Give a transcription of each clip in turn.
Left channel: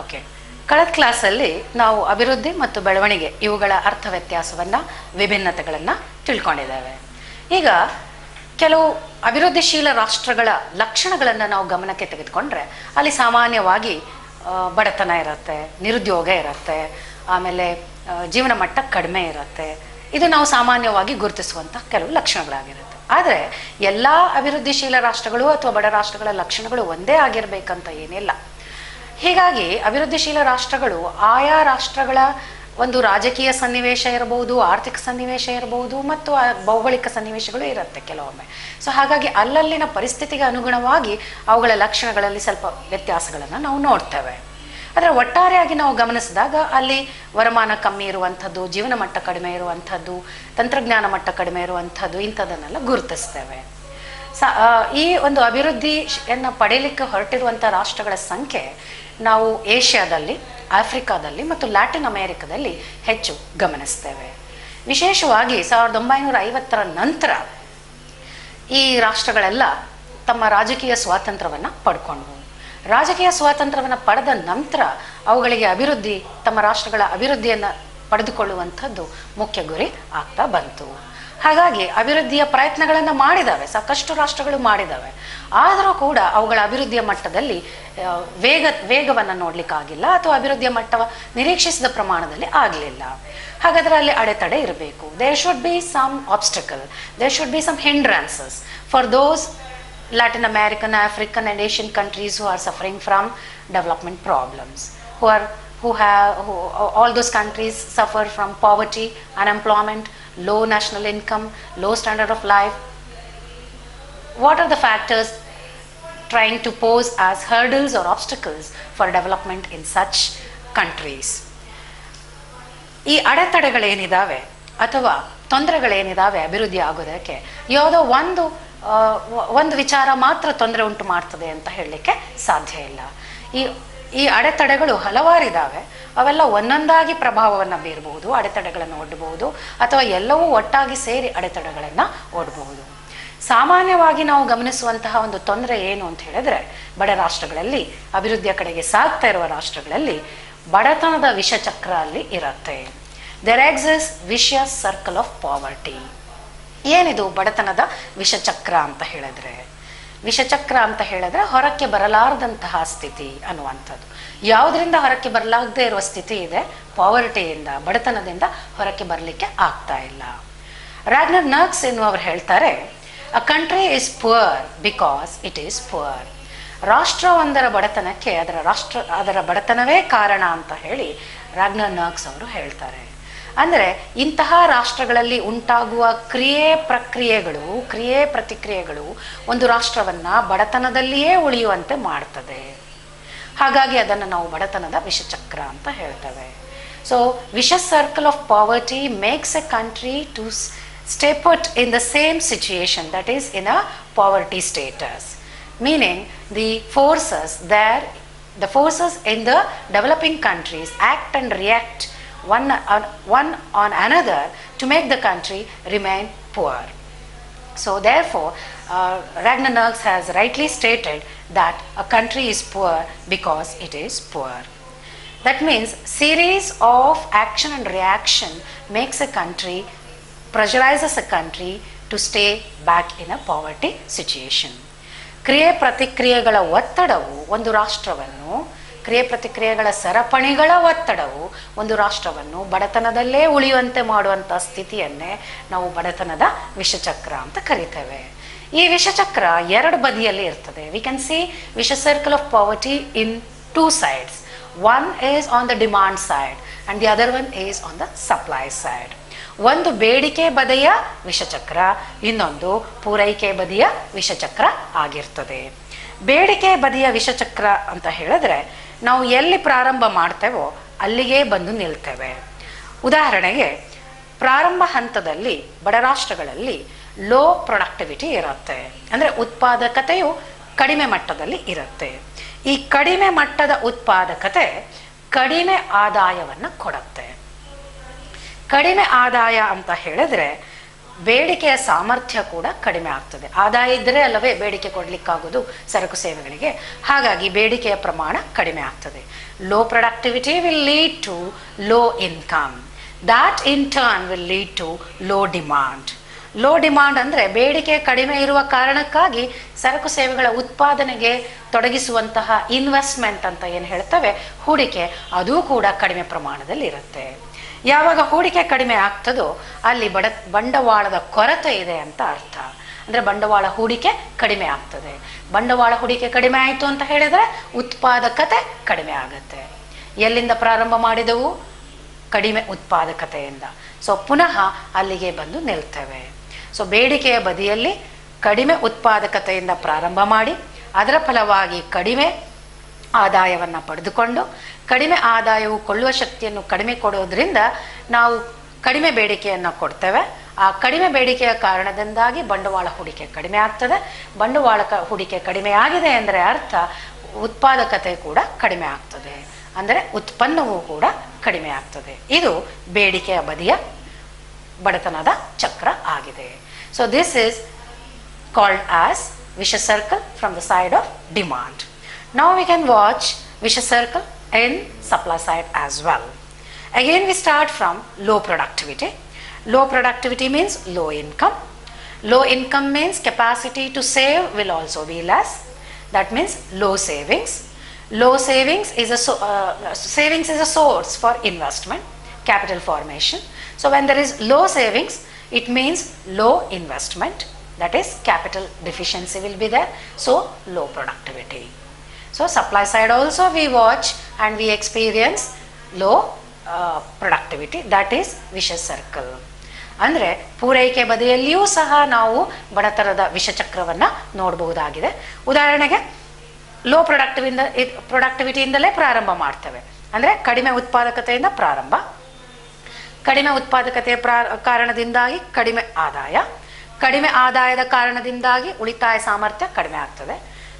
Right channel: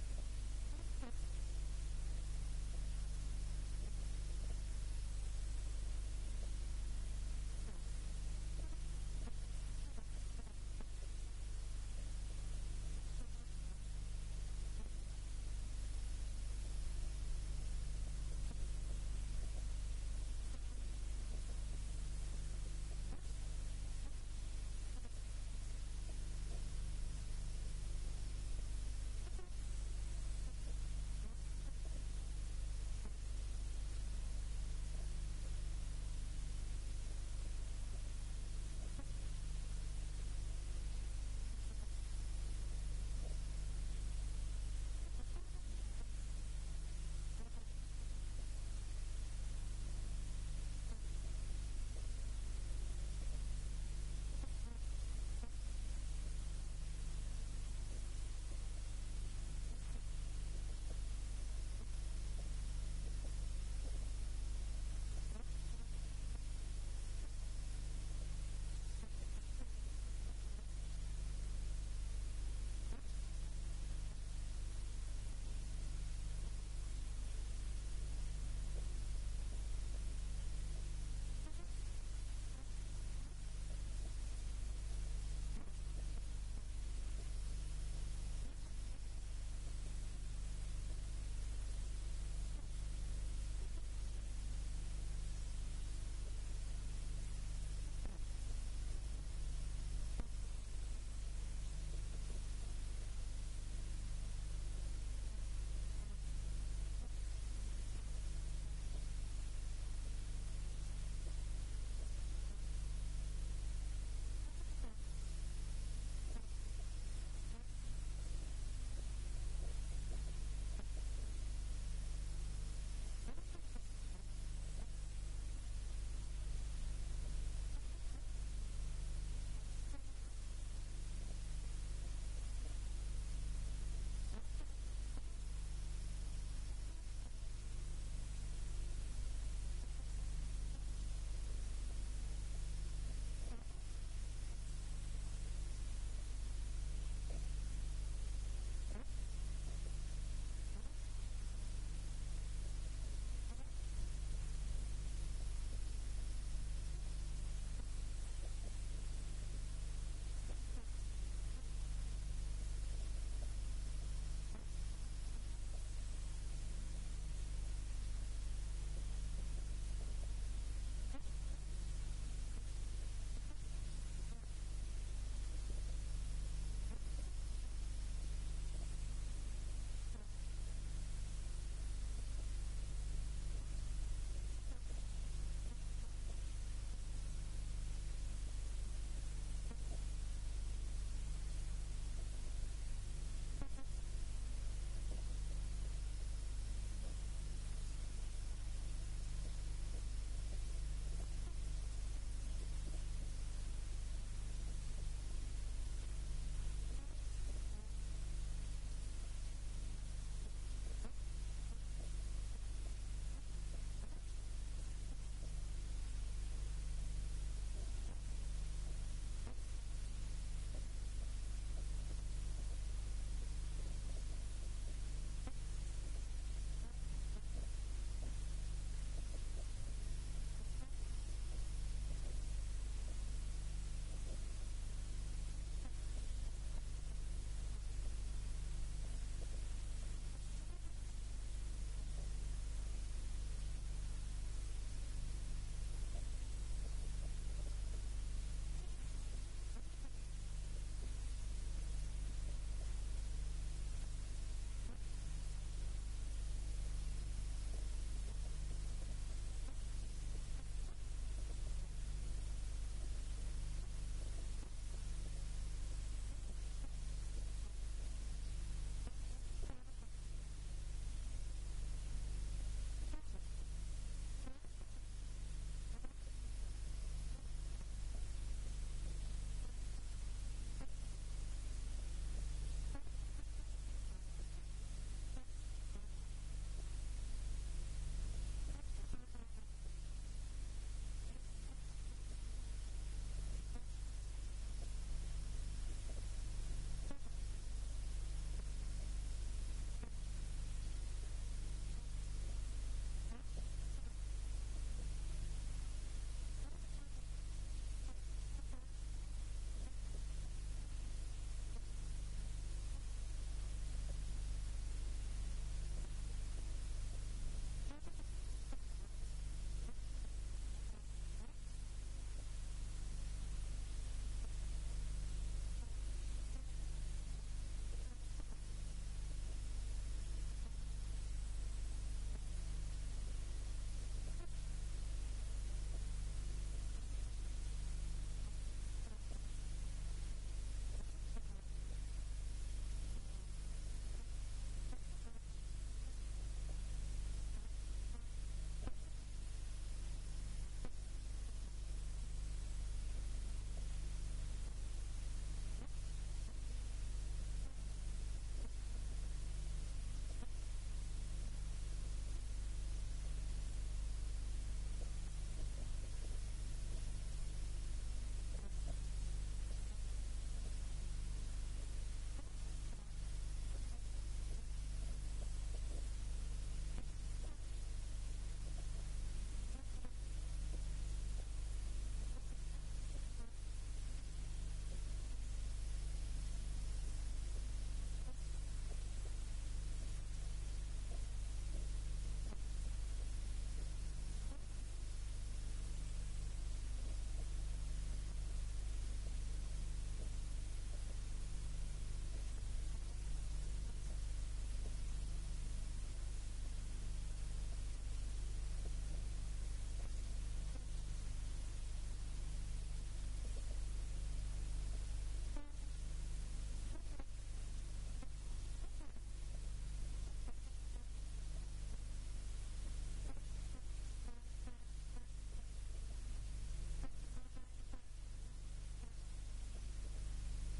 Okay. ಕಳೆದ ಕ್ಲಾಸಲ್ಲಿ ನಾವು ಅಭಿವೃದ್ಧಿ ಮತ್ತು ಬೆಳವಣಿಗೆ ಇವುಗಳ ಅರ್ಥ ವ್ಯತ್ಯಾಸವನ್ನು, ವಿಭಿನ್ನತೆಗಳನ್ನು ತಿಳ್ಕೊಂಡಿದ್ದೇವೆ. ಈಗ ಕೆಲವು ಅಭಿವೃದ್ಧಿಶೀಲ ರಾಷ್ಟ್ರಗಳ ಲಕ್ಷಣಗಳನ್ನು ನಾವು ಗಮನಕ್ಕೆ ತೆಗೆದುಕೊಂಡ್ರೆ ಅಲ್ಲಿ ಸಾಮಾನ್ಯವಾಗಿ ಬಡತನ ಇರುತ್ತೆ, ನಿರುದ್ಯೋಗ ಇರುತ್ತೆ, ಆಮೇಲೆ ಜೀವನ ಮಟ್ಟ ಕಡಿಮೆ ಇರುತ್ತೆ. ಇದು ನಾವು ಸಾಮಾನ್ಯವಾಗಿ ಗುರುತಿಸುವಂಥ ಕೆಲವು ಲಕ್ಷಣಗಳಾಗಿರುತ್ತೆ. ಆದರೆ ಎಲ್ಲ ಅಭಿವೃದ್ಧಿಶೀಲ ರಾಷ್ಟ್ರಗಳು ಅಥವಾ ಬಡ ರಾಷ್ಟ್ರಗಳ ಲಕ್ಷಣಗಳು ಒಂದೇ ಆಗಿರಬೇಕಂತ ಏನಿಲ್ಲ. ಹೀಗಾಗಿ ಅಭಿವೃದ್ಧಿಶೀಲ ರಾಷ್ಟ್ರಗಳು ಆಯಾ ರಾಷ್ಟ್ರಗಳ ಒಂದು ರಾಜಕೀಯ ಸನ್ನಿವೇಶ ಇರಬಹುದು, ಆರ್ಥಿಕ ಸನ್ನಿವೇಶ ಇರಬಹುದು, ಮತ್ತು ಭೌಗೋಳಿಕ ಸನ್ನಿವೇಶಗಳು ಇರುತ್ತೆ ಕೆಲವೊಮ್ಮೆ. ಸೊ ಹಾಗಾಗಿ ಅಲ್ಲಲ್ಲಿನ ಪರಿಸ್ಥಿತಿಗೆ ಅನುಗುಣವಾಗಿ ಅವುಗಳ ಲಕ್ಷಣಗಳಲ್ಲಿ ಸ್ವಲ್ಪ ವ್ಯತ್ಯಾಸಗಳನ್ನು ನಾವು ನೋಡ್ತೇವೆ. ಆದರೆ ಒಟ್ಟಾರೆಯಾಗಿ ನಾವು ಗಮನಿಸಿದಾಗ ಅಲ್ಲಿ ವರಮಾನ ಕಮ್ಮಿ ಇರುವಂಥದ್ದು, ಜೀವನ ಮಟ್ಟ ಕಡಿಮೆ ಇರುವಂಥದ್ದು, ತಂತ್ರಜ್ಞಾನ ಮಟ್ಟ ಕಡಿಮೆ ಇರುವಂಥದ್ದು, ಇಂಥದನ್ನೆಲ್ಲ ಗುರುತಿಸ್ತೇವೆ. ಈ ಒಂದು ಅಭಿವೃದ್ಧಿಯನ್ನು ಪಡೆಯಲಿಕ್ಕೆ ಹೊರಟಿರುವಂಥ ರಾಷ್ಟ್ರಗಳ ಸಂಖ್ಯೆ ನಾವು ಏಷ್ಯಾದಲ್ಲಿ, ಆಫ್ರಿಕಾದಲ್ಲಿ ಮತ್ತು ಲ್ಯಾಟಿನ್ ಅಮೆರಿಕದಲ್ಲಿ ಹೆಚ್ಚು ಗಮನಿಸ್ತೇವೆ. ವಿಶೇಷವಾಗಿ 1950ರ ನಂತರ ಈ ರಾಷ್ಟ್ರಗಳೆಲ್ಲ ತಮ್ಮ ರಾಜಕೀಯ ಸ್ವಾತಂತ್ರ್ಯವನ್ನು ಪಡ್ಕೊಂಡ್ವು. ರಾಜಕೀಯ ಸ್ವಾತಂತ್ರ್ಯವನ್ನು ಪಡೆದ ನಂತರ ಅವುಗಳಿಗೆ ತಮ್ಮ ರಾಷ್ಟ್ರಗಳ ಅಭಿವೃದ್ಧಿಯನ್ನು ಪಡೆದುಕೊಳ್ಳುವಂಥದ್ದು ಮುಖ್ಯ ಗುರಿ ಆಗ್ತಾ ಬಂತು. ಹಾಗಾಗಿ ಅಭಿವೃದ್ಧಿಯ ಪ್ರಯತ್ನಗಳನ್ನು ಮಾಡಿದ್ದಾವೆ, ಸಾಕಷ್ಟು ರಾಷ್ಟ್ರಗಳು ಮಾಡಿದ್ದಾವೆ. ಆದರೂ ಕೂಡ ಅವುಗಳ ಅಭಿವೃದ್ಧಿಯ ಮಟ್ಟದಲ್ಲಿ ವೇಗವನ್ನು ನೋಡ್ಲಿಕ್ಕಾಗಿಲ್ಲ, ಅಥವಾ ಅಭಿವೃದ್ಧಿಯ ಮಟ್ಟ ನಿರೀಕ್ಷಿಸಿದ ಪ್ರಮಾಣದಲ್ಲಿ ಆಗಲಿಲ್ಲ. ಹಾಗಾದರೆ ಅಲ್ಲಿ ಅಡೆತಡೆ ಇರಬೇಕು. There should be some obstacle, there should be some hindrances for those Latin American, African and Asian countries who are suffering from development problems, all those countries suffer from poverty, unemployment, low national income, low standard of life. What are the factors trying to pose as hurdles or obstacles for development in such countries? ಈ ಅಡೆತಡೆಗಳೇನಿದ್ದಾವೆ ಅಥವಾ ತೊಂದರೆಗಳೇನಿದ್ದಾವೆ ಅಭಿವೃದ್ಧಿ ಆಗೋದಕ್ಕೆ, ಯಾವುದೋ ಒಂದು ವಿಚಾರ ಮಾತ್ರ ತೊಂದರೆ ಉಂಟು ಮಾಡ್ತದೆ ಅಂತ ಹೇಳಲಿಕ್ಕೆ ಸಾಧ್ಯ ಇಲ್ಲ. ಈ ಅಡೆತಡೆಗಳು ಹಲವಾರಿದ್ದಾವೆ. ಅವೆಲ್ಲ ಒಂದೊಂದಾಗಿ ಪ್ರಭಾವವನ್ನು ಬೀರಬಹುದು, ಅಡೆತಡೆಗಳನ್ನು ಒಡ್ಡಬಹುದು, ಅಥವಾ ಎಲ್ಲವೂ ಒಟ್ಟಾಗಿ ಸೇರಿ ಅಡೆತಡೆಗಳನ್ನು ಒಡ್ಡಬಹುದು. ಸಾಮಾನ್ಯವಾಗಿ ನಾವು ಗಮನಿಸುವಂತಹ ಒಂದು ತೊಂದರೆ ಏನು ಅಂತ ಹೇಳಿದ್ರೆ, ಬಡ ರಾಷ್ಟ್ರಗಳಲ್ಲಿ, ಅಭಿವೃದ್ಧಿಯ ಕಡೆಗೆ ಸಾಗ್ತಾ ಇರುವ ರಾಷ್ಟ್ರಗಳಲ್ಲಿ ಬಡತನದ ವಿಷಚಕ್ರ ಅಲ್ಲಿ ಇರುತ್ತೆ. There exist vicious circle of poverty. ಏನಿದು ಬಡತನದ ವಿಷಚಕ್ರ ಅಂತ ಹೇಳಿದ್ರೆ? ವಿಷಚಕ್ರ ಅಂತ ಹೇಳಿದ್ರೆ ಹೊರಕ್ಕೆ ಬರಲಾರದಂತಹ ಸ್ಥಿತಿ ಅನ್ನುವಂಥದ್ದು. ಯಾವುದರಿಂದ ಹೊರಕ್ಕೆ ಬರಲಾಗದೇ ಇರುವ ಸ್ಥಿತಿ ಇದೆ? ಪಾವರ್ಟಿಯಿಂದ, ಬಡತನದಿಂದ ಹೊರಕ್ಕೆ ಬರಲಿಕ್ಕೆ ಆಗ್ತಾ ಇಲ್ಲ. ರಾಗ್ನರ್ ನರ್ಕ್ಸ್ ಎನ್ನುವರು ಹೇಳ್ತಾರೆ, a country is poor because it is poor. ರಾಷ್ಟ್ರ ಒಂದರ ಬಡತನಕ್ಕೆ ಅದರ ಬಡತನವೇ ಕಾರಣ ಅಂತ ಹೇಳಿ ರಾಗ್ನರ್ ನರ್ಕ್ಸ್ ಅವರು ಹೇಳ್ತಾರೆ. ಅಂದರೆ ಇಂತಹ ರಾಷ್ಟ್ರಗಳಲ್ಲಿ ಉಂಟಾಗುವ ಕ್ರಿಯೆ ಪ್ರತಿಕ್ರಿಯೆಗಳು ಒಂದು ರಾಷ್ಟ್ರವನ್ನು ಬಡತನದಲ್ಲಿಯೇ ಉಳಿಯುವಂತೆ ಮಾಡ್ತದೆ. ಹಾಗಾಗಿ ಅದನ್ನು ನಾವು ಬಡತನದ ವಿಷಚಕ್ರ ಅಂತ ಹೇಳ್ತೇವೆ. So vicious circle of poverty makes a country to stay put in the same situation, that is in a poverty status, meaning the forces in the developing countries act and react one on another to make the country remain poor. So therefore Ragnar Nurks has rightly stated that a country is poor because it is poor. That means series of action and reaction pressurizes a country to stay back in a poverty situation. ಕ್ರಿಯೆ ಪ್ರತಿಕ್ರಿಯೆಗಳ ಒತ್ತಡವು ಒಂದು ರಾಷ್ಟ್ರವನ್ನು, ಕ್ರಿಯೆ ಪ್ರತಿಕ್ರಿಯೆಗಳ ಸರಪಣಿಗಳ ಒತ್ತಡವು ಒಂದು ರಾಷ್ಟ್ರವನ್ನು ಬಡತನದಲ್ಲೇ ಉಳಿಯುವಂತೆ ಮಾಡುವಂಥ ಸ್ಥಿತಿಯನ್ನೇ ನಾವು ಬಡತನದ ವಿಷಚಕ್ರ ಅಂತ ಕರಿತೇವೆ. ಈ ವಿಷಚಕ್ರ ಎರಡು ಬದಿಯಲ್ಲಿ ಇರ್ತದೆ. ವಿ ಕ್ಯಾನ್ ಸಿ ವಿಷ circle of poverty in two sides. One is on the demand side and the other one is on the supply side. ಒಂದು ಬೇಡಿಕೆ ಬದಿಯ ವಿಷಚಕ್ರ, ಇನ್ನೊಂದು ಪೂರೈಕೆ ಬದಿಯ ವಿಷಚಕ್ರ ಆಗಿರ್ತದೆ. ಬೇಡಿಕೆ ಬದಿಯ ವಿಷಚಕ್ರ ಅಂತ ಹೇಳಿದ್ರೆ ನಾವು ಎಲ್ಲಿ ಪ್ರಾರಂಭ ಮಾಡ್ತೇವೋ ಅಲ್ಲಿಗೆ ಬಂದು ನಿಲ್ತೇವೆ. ಉದಾಹರಣೆಗೆ, ಪ್ರಾರಂಭ ಹಂತದಲ್ಲಿ ಬಡ ರಾಷ್ಟ್ರಗಳಲ್ಲಿ ಲೋ ಪ್ರೊಡಕ್ಟಿವಿಟಿ ಇರುತ್ತೆ, ಅಂದರೆ ಉತ್ಪಾದಕತೆಯು ಕಡಿಮೆ ಮಟ್ಟದಲ್ಲಿ ಇರುತ್ತೆ. ಈ ಕಡಿಮೆ ಮಟ್ಟದ ಉತ್ಪಾದಕತೆ ಕಡಿಮೆ ಆದಾಯವನ್ನು ಕೊಡುತ್ತೆ. ಕಡಿಮೆ ಆದಾಯ ಅಂತ ಹೇಳಿದ್ರೆ ಬೇಡಿಕೆಯ ಸಾಮರ್ಥ್ಯ ಕೂಡ ಕಡಿಮೆ ಆಗ್ತದೆ. ಆದಾಯ ಇದ್ದರೆ ಅಲ್ಲವೇ ಬೇಡಿಕೆ ಕೊಡಲಿಕ್ಕಾಗೋದು ಸರಕು ಸೇವೆಗಳಿಗೆ. ಹಾಗಾಗಿ ಬೇಡಿಕೆಯ ಪ್ರಮಾಣ ಕಡಿಮೆ ಆಗ್ತದೆ. Low productivity will lead to low income. That in turn will lead to low demand. Low demand ಅಂದರೆ ಬೇಡಿಕೆ ಕಡಿಮೆ ಇರುವ ಕಾರಣಕ್ಕಾಗಿ ಸರಕು ಸೇವೆಗಳ ಉತ್ಪಾದನೆಗೆ ತೊಡಗಿಸುವಂತಹ ಇನ್ವೆಸ್ಟ್ಮೆಂಟ್ ಅಂತ ಏನು ಹೇಳ್ತವೆ, ಹೂಡಿಕೆ, ಅದೂ ಕೂಡ ಕಡಿಮೆ ಪ್ರಮಾಣದಲ್ಲಿ ಇರುತ್ತೆ. ಯಾವಾಗ ಹೂಡಿಕೆ ಕಡಿಮೆ ಆಗ್ತದೋ ಅಲ್ಲಿ ಬಂಡವಾಳದ ಕೊರತೆ ಇದೆ ಅಂತ ಅರ್ಥ. ಅಂದರೆ ಬಂಡವಾಳ ಹೂಡಿಕೆ ಕಡಿಮೆ ಆಗ್ತದೆ. ಬಂಡವಾಳ ಹೂಡಿಕೆ ಕಡಿಮೆ ಆಯಿತು ಅಂತ ಹೇಳಿದರೆ ಉತ್ಪಾದಕತೆ ಕಡಿಮೆ ಆಗುತ್ತೆ. ಎಲ್ಲಿಂದ ಪ್ರಾರಂಭ ಮಾಡಿದೆವು? ಕಡಿಮೆ ಉತ್ಪಾದಕತೆಯಿಂದ. ಸೊ ಪುನಃ ಅಲ್ಲಿಗೆ ಬಂದು ನಿಲ್ತೇವೆ. ಸೊ ಬೇಡಿಕೆಯ ಬದಿಯಲ್ಲಿ ಕಡಿಮೆ ಉತ್ಪಾದಕತೆಯಿಂದ ಪ್ರಾರಂಭ ಮಾಡಿ ಅದರ ಫಲವಾಗಿ ಕಡಿಮೆ ಆದಾಯವನ್ನು ಪಡೆದುಕೊಂಡು, ಕಡಿಮೆ ಆದಾಯವು ಕೊಳ್ಳುವ ಶಕ್ತಿಯನ್ನು ಕಡಿಮೆ ಕೊಡೋದ್ರಿಂದ ನಾವು ಕಡಿಮೆ ಬೇಡಿಕೆಯನ್ನು ಕೊಡ್ತೇವೆ. ಆ ಕಡಿಮೆ ಬೇಡಿಕೆಯ ಕಾರಣದಿಂದಾಗಿ ಬಂಡವಾಳ ಹೂಡಿಕೆ ಕಡಿಮೆ ಆಗ್ತದೆ. ಬಂಡವಾಳ ಹೂಡಿಕೆ ಕಡಿಮೆ ಆಗಿದೆ ಅಂದರೆ ಅರ್ಥ ಉತ್ಪಾದಕತೆ ಕೂಡ ಕಡಿಮೆ ಆಗ್ತದೆ, ಅಂದರೆ ಉತ್ಪನ್ನವೂ ಕೂಡ ಕಡಿಮೆ ಆಗ್ತದೆ. ಇದು ಬೇಡಿಕೆಯ ಬದಿಯ ಬಡತನದ ಚಕ್ರ ಆಗಿದೆ. So this is called as vicious circle from the side of demand. Now we can watch vicious circle in supply side as well. Again we start from low productivity. Low productivity means low income. Low income means capacity to save will also be less. That means low savings. Low savings is savings is a source for investment, capital formation. So when there is low savings, it means low investment. That is capital deficiency will be there. So low productivity. So supply side also we watch and we experience low productivity. That is vicious circle. ಅಂದರೆ ಪೂರೈಕೆ ಬದಿಯಲ್ಲಿಯೂ ಸಹ ನಾವು ಬಡತನದ ವಿಷಚಕ್ರವನ್ನು ನೋಡಬಹುದಾಗಿದೆ. ಉದಾಹರಣೆಗೆ low ಪ್ರೊಡಕ್ಟಿವಿಟಿಯಿಂದಲೇ ಪ್ರಾರಂಭ ಮಾಡ್ತೇವೆ. ಅಂದರೆ ಕಡಿಮೆ ಉತ್ಪಾದಕತೆಯಿಂದ ಪ್ರಾರಂಭ. ಕಡಿಮೆ ಉತ್ಪಾದಕತೆಯ ಕಾರಣದಿಂದಾಗಿ ಕಡಿಮೆ ಆದಾಯ. ಕಡಿಮೆ ಆದಾಯದ ಕಾರಣದಿಂದಾಗಿ ಉಳಿತಾಯ ಸಾಮರ್ಥ್ಯ ಕಡಿಮೆ ಆಗ್ತದೆ.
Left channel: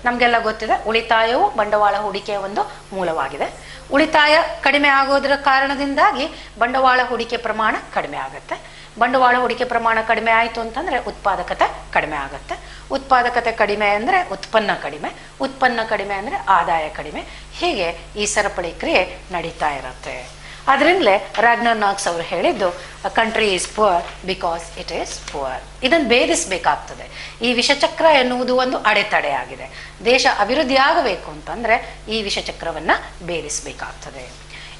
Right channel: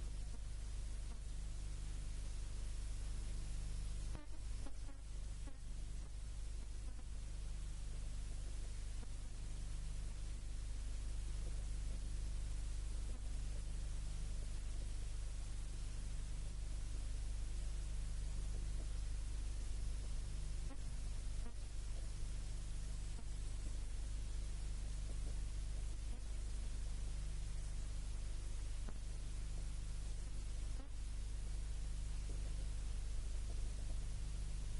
ನಮಗೆಲ್ಲ ಗೊತ್ತಿದೆ ಉಳಿತಾಯವು ಬಂಡವಾಳ ಹೂಡಿಕೆಯ ಒಂದು ಮೂಲವಾಗಿದೆ. ಉಳಿತಾಯ ಕಡಿಮೆ ಆಗೋದರ ಕಾರಣದಿಂದಾಗಿ ಬಂಡವಾಳ ಹೂಡಿಕೆ ಪ್ರಮಾಣ ಕಡಿಮೆ ಆಗುತ್ತೆ. ಬಂಡವಾಳ ಹೂಡಿಕೆ ಪ್ರಮಾಣ ಕಡಿಮೆ ಆಯಿತು ಅಂತಂದರೆ ಉತ್ಪಾದಕತೆ ಕಡಿಮೆ ಆಗುತ್ತೆ. ಉತ್ಪಾದಕತೆ ಕಡಿಮೆ ಅಂದರೆ ಉತ್ಪನ್ನ ಕಡಿಮೆ. ಉತ್ಪನ್ನ ಕಡಿಮೆ ಅಂದರೆ ಆದಾಯ ಕಡಿಮೆ. ಹೀಗೆ ಈ ಸರಪಳಿ ಕ್ರಿಯೆ ನಡೀತಾ ಇರುತ್ತೆ. ಅದರಿಂದಲೇ ರಾಗ್ನರ್ ನಾಕ್ಸ್ ಅವರು ಹೇಳಿದ್ದು country is poor because it is poor. ಇದನ್ನು ಭೇದಿಸಬೇಕಾಗ್ತದೆ. ಈ ವಿಷಚಕ್ರ ಎನ್ನುವುದು ಒಂದು ಅಡೆತಡೆ ಆಗಿದೆ. ದೇಶ ಅಭಿವೃದ್ಧಿ ಆಗಬೇಕು ಅಂತಂದರೆ ಈ ವಿಷಚಕ್ರವನ್ನು ಭೇದಿಸಬೇಕಾಗ್ತದೆ.